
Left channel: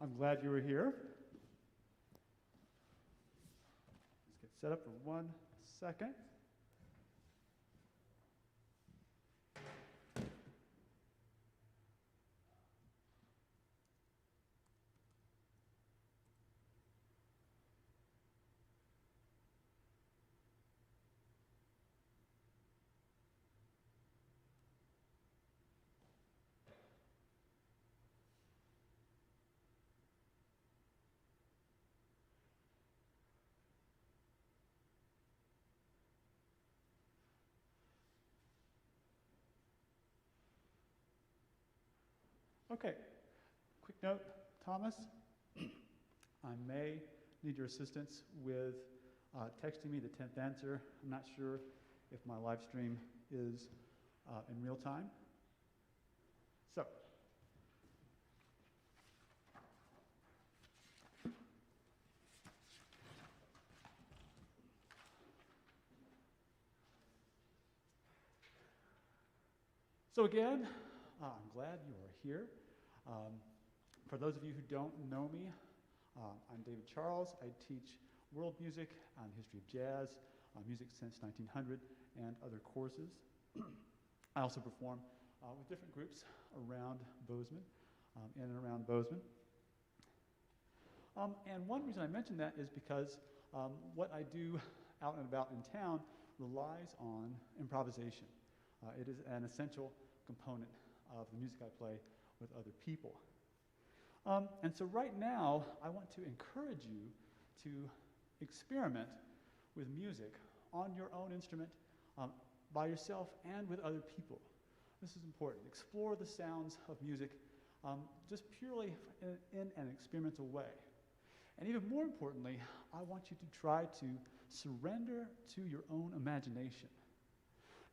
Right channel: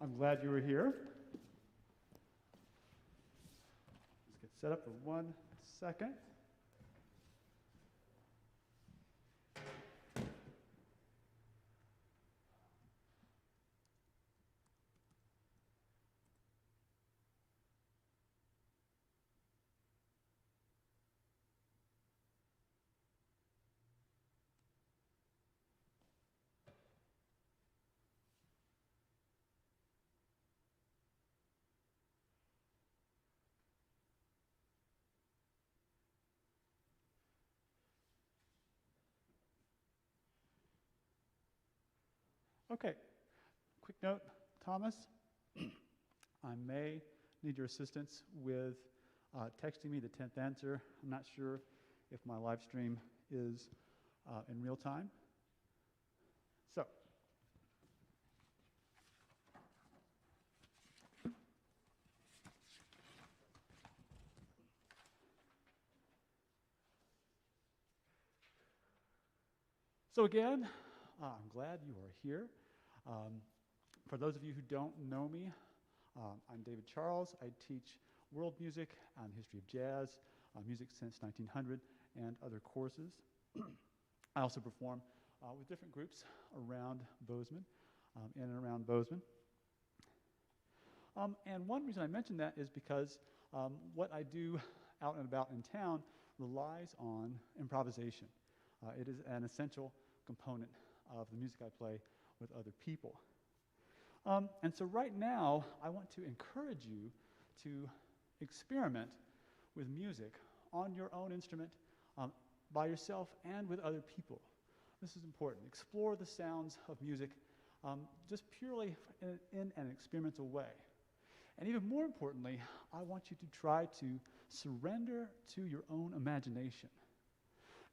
I'm glad you were here. Let's get set up for 1 second. Okay, quick note, Thomas, I may need your assistance with texting me the 10th answer. I'm not sure if my live stream is in real time. So again, I'm glad you are here. For those of you who don't know me, I'm David Charles. I teach world music and history of jazz, music since 1900, and other courses. I also perform with different groups around Bozeman, in and around Bozeman. And one reason I mention that is because what I do out and about in town relies on improvisation. It is an essential component of the music I play with other people. And so right now, I want to encourage you to experiment with music on your own instrument, by yourself and with other people. This is important. Explore the sounds of music just purely in an experimental way. And even more importantly, I want you to try to surrender to your own imagination.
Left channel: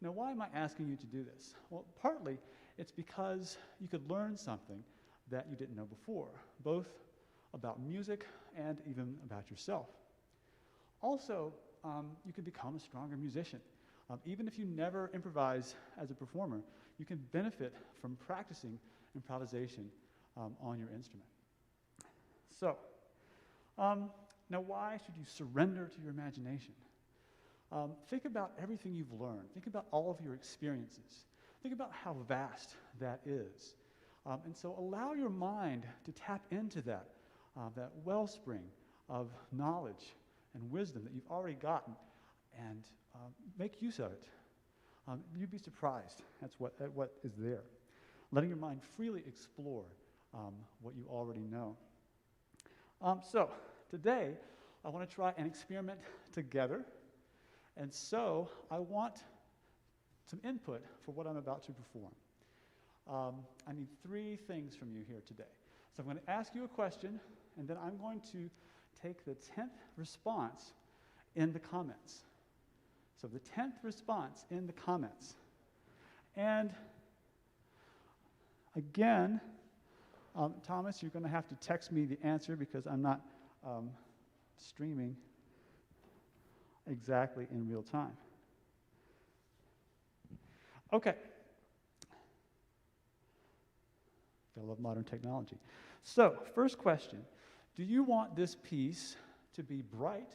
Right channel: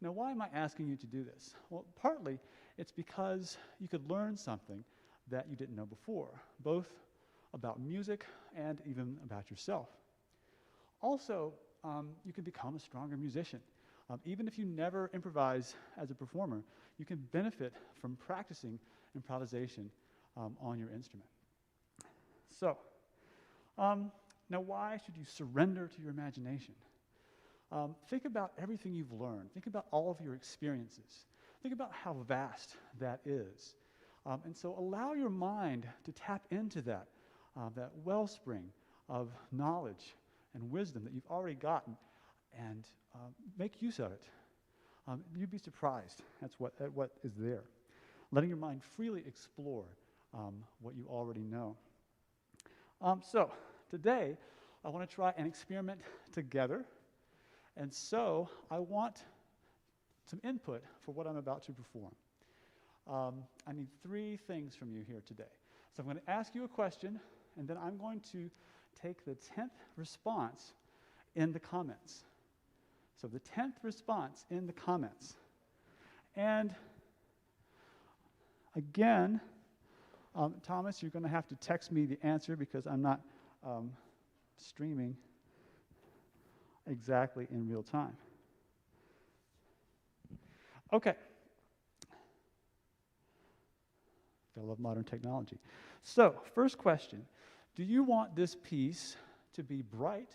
Now, why am I asking you to do this? Well, partly it's because you could learn something that you didn't know before, both about music and even about yourself. Also, you can become a stronger musician. Even if you never improvise as a performer, you can benefit from practicing improvisation on your instrument. So, now why should you surrender to your imagination? Think about everything you've learned. Think about all of your experiences. Think about how vast that is. And so allow your mind to tap into that wellspring of knowledge and wisdom that you've already gotten, and make use of it. You'd be surprised at what is there. Letting your mind freely explore what you already know. So today, I want to try an experiment together. And so I want some input for what I'm about to perform. I need 3 things from you here today. So I'm going to ask you a question, and then I'm going to take the 10th response in the comments. So the 10th response in the comments. And again, Thomas, you're going to have to text me the answer because I'm not streaming exactly in real time. Okay. Gotta love modern technology. So, first question, do you want this piece to be bright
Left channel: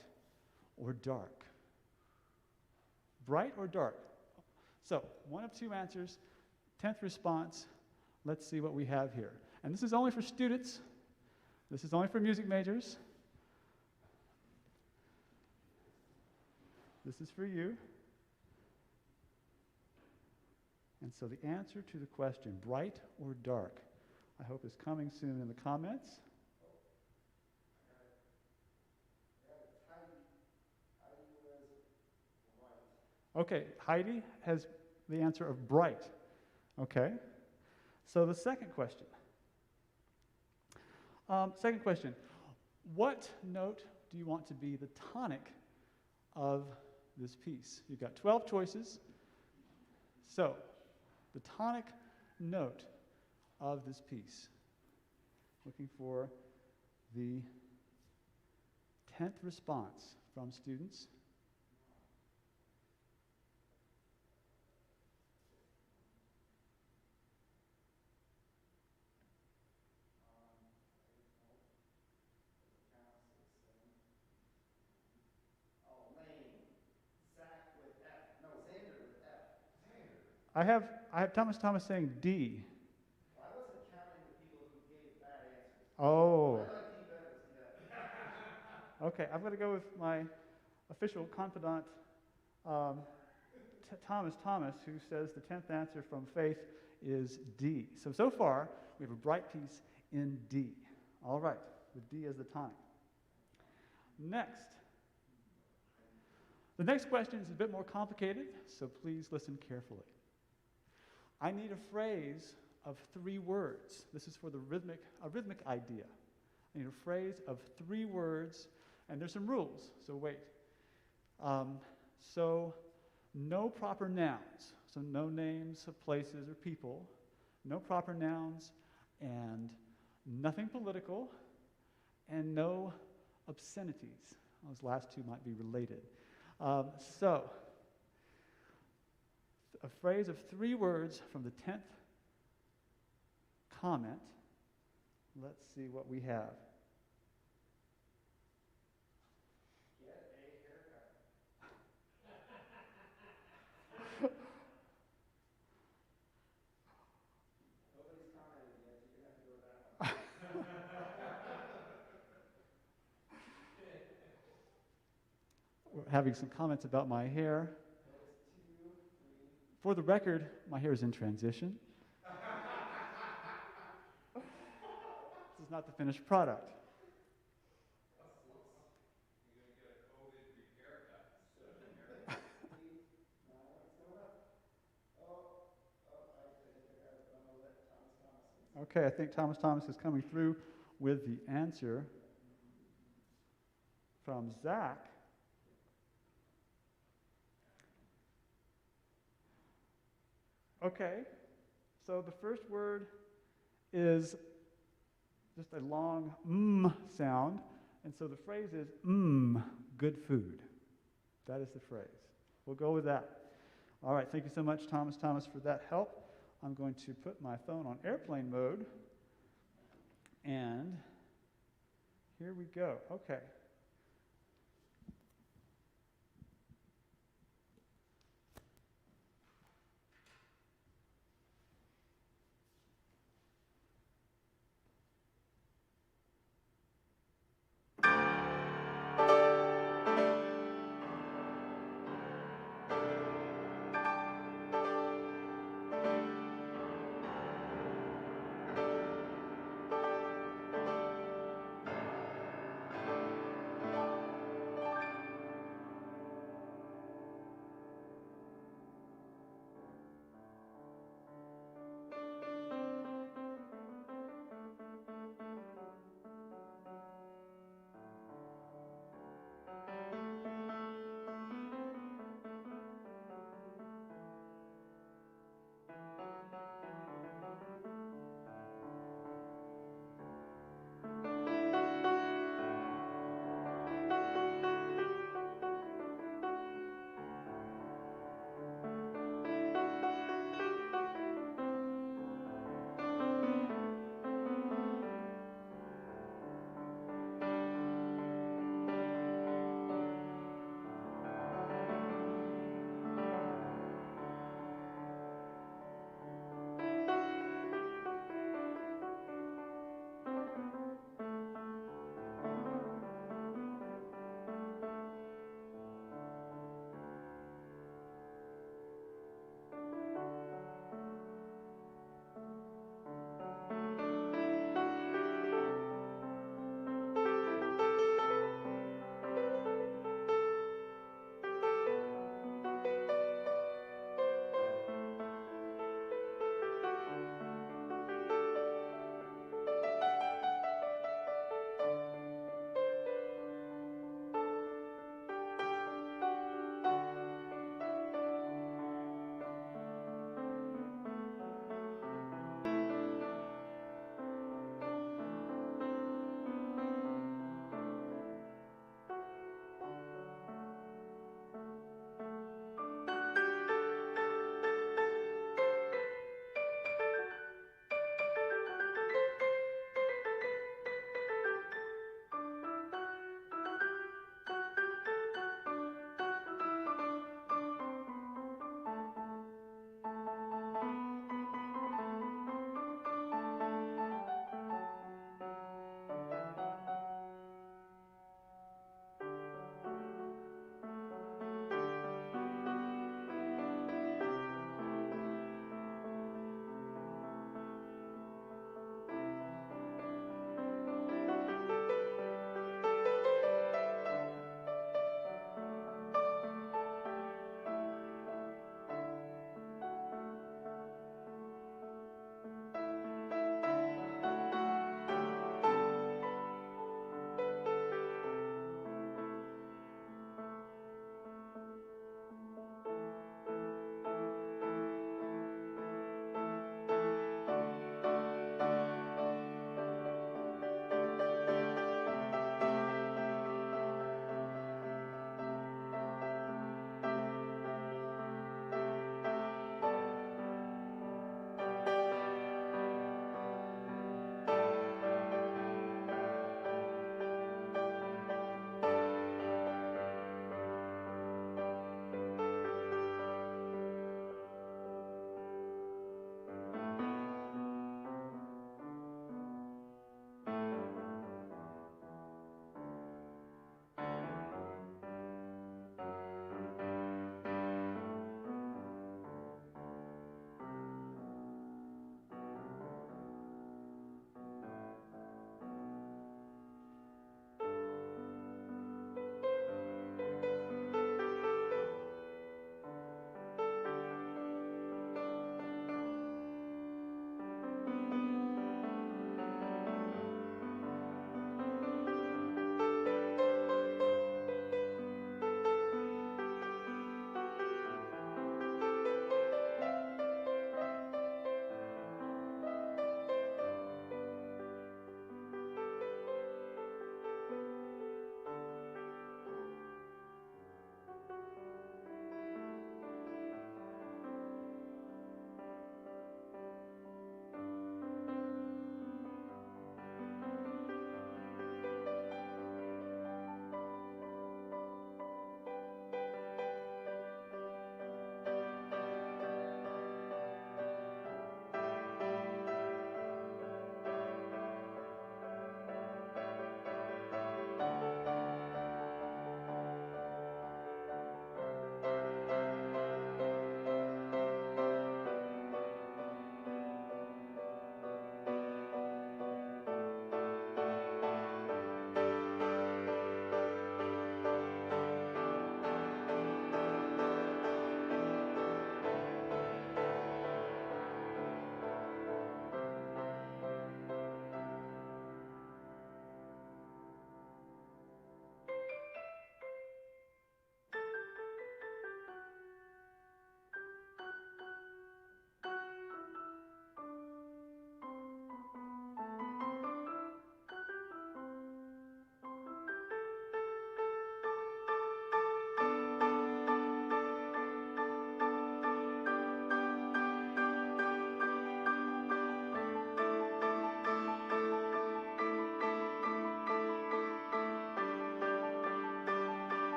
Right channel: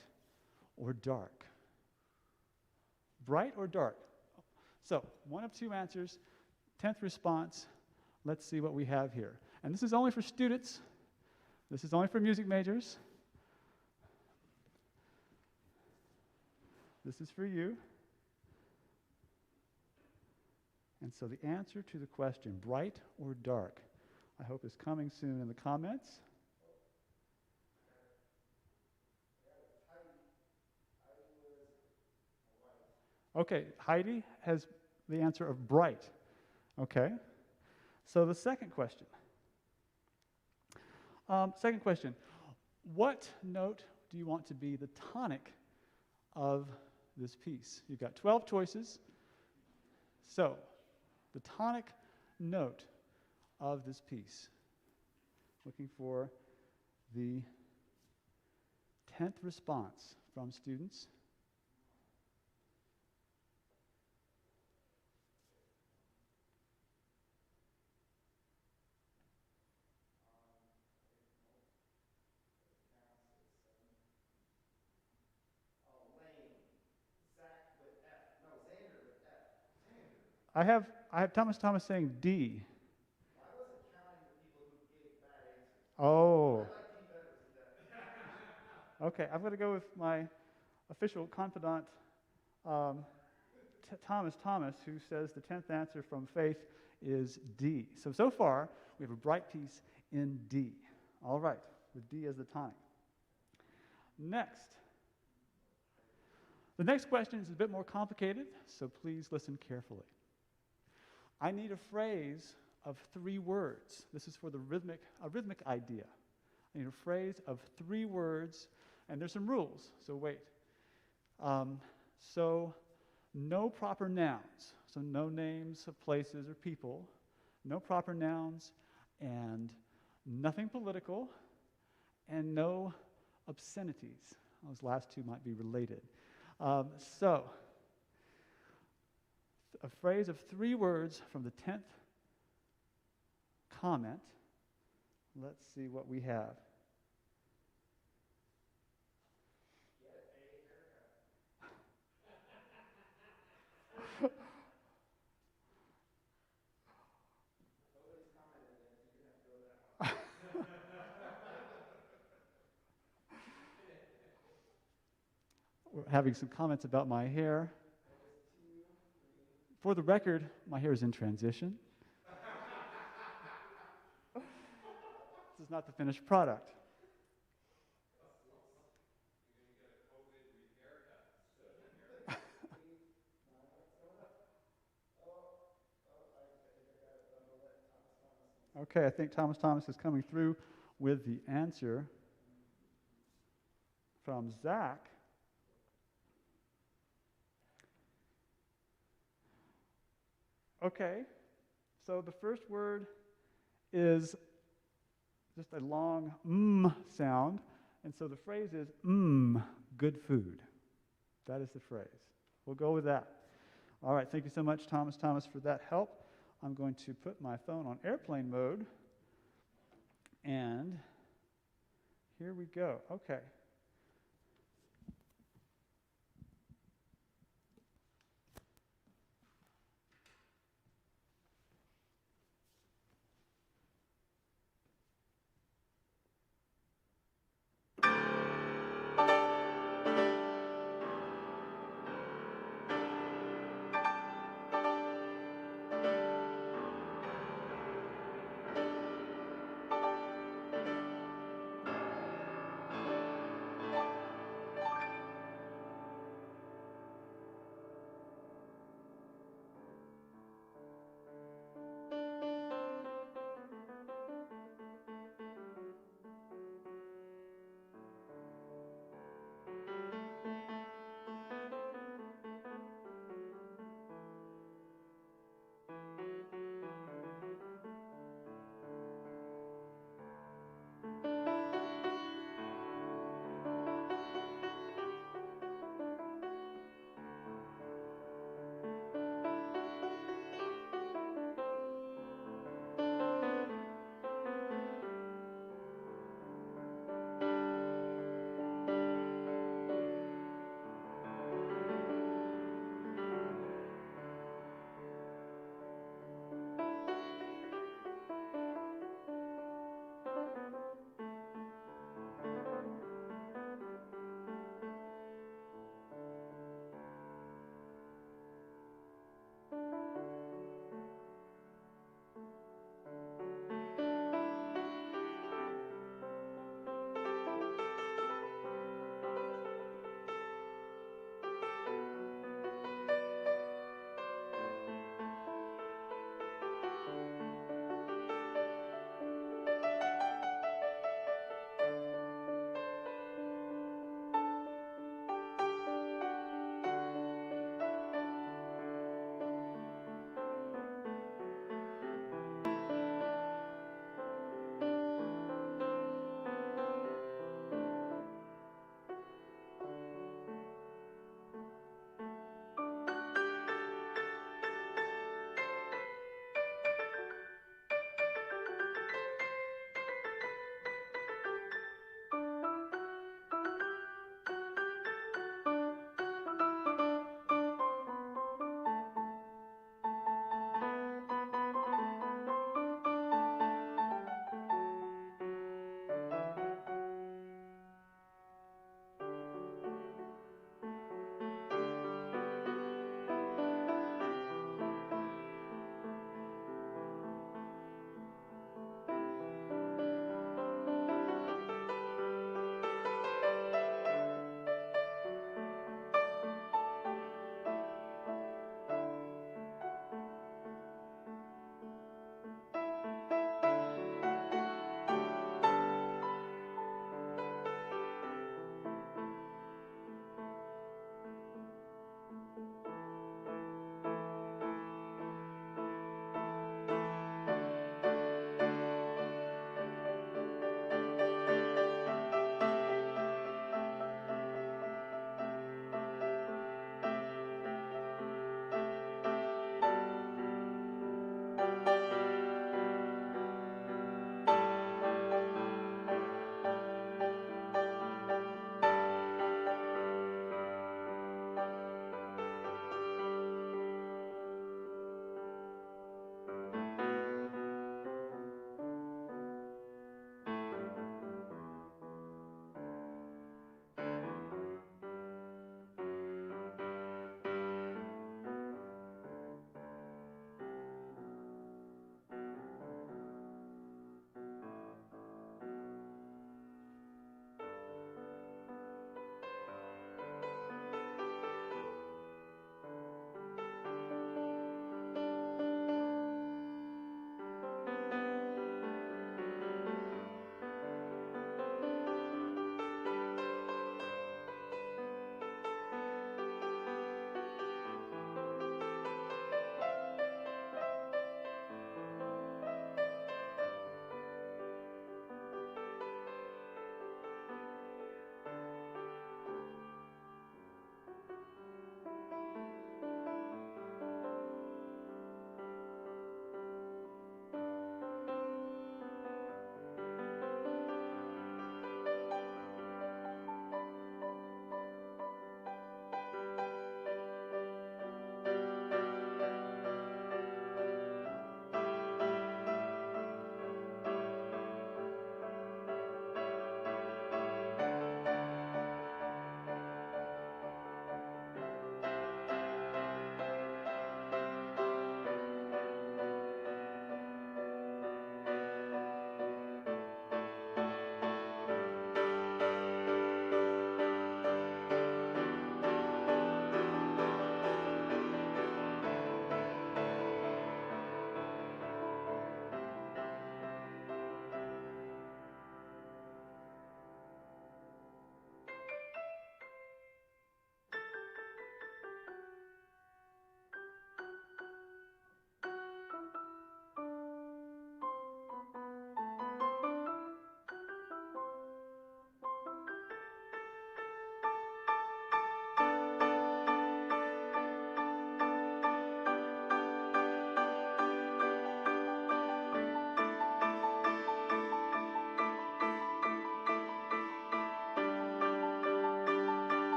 or dark? Bright or dark? So, one of 2 answers, 10th response. Let's see what we have here. And this is only for students. This is only for music majors. This is for you. And so the answer to the question, bright or dark, I hope is coming soon in the comments. Okay, Heidi has the answer of bright. Okay. So the second question. What note do you want to be the tonic of this piece? You've got 12 choices. So, the tonic note of this piece. Looking for the 10th response from students. I have Thomas saying D. I wasn't counting the people who gave bad answers. Oh. I like Dean better to see that. Okay, I'm going to go with my official confidant, Thomas, who says the 10th answer from Faith is D. So far, we have a bright piece in D. All right, with D as the time. Next. The next question is a bit more complicated, so please listen carefully. I need a phrase of 3 words. This is for a rhythmic idea. I need a phrase of 3 words, and there's some rules, so wait. So no proper nouns, so no names of places or people, no proper nouns, and nothing political, and no obscenities. Those last 2 might be related. So, a phrase of 3 words from the 10th comment. Let's see what we have. We're having some comments about my hair. For the record, my hair is in transition. This is not the finished product. Okay, I think Thomas is coming through with the answer from Zach. Okay, so the first word is just a long sound, and so the phrase is good food. That is the phrase. We'll go with that. All right, thank you so much, Thomas, for that help. I'm going to put my phone on airplane mode, and here we go. Okay.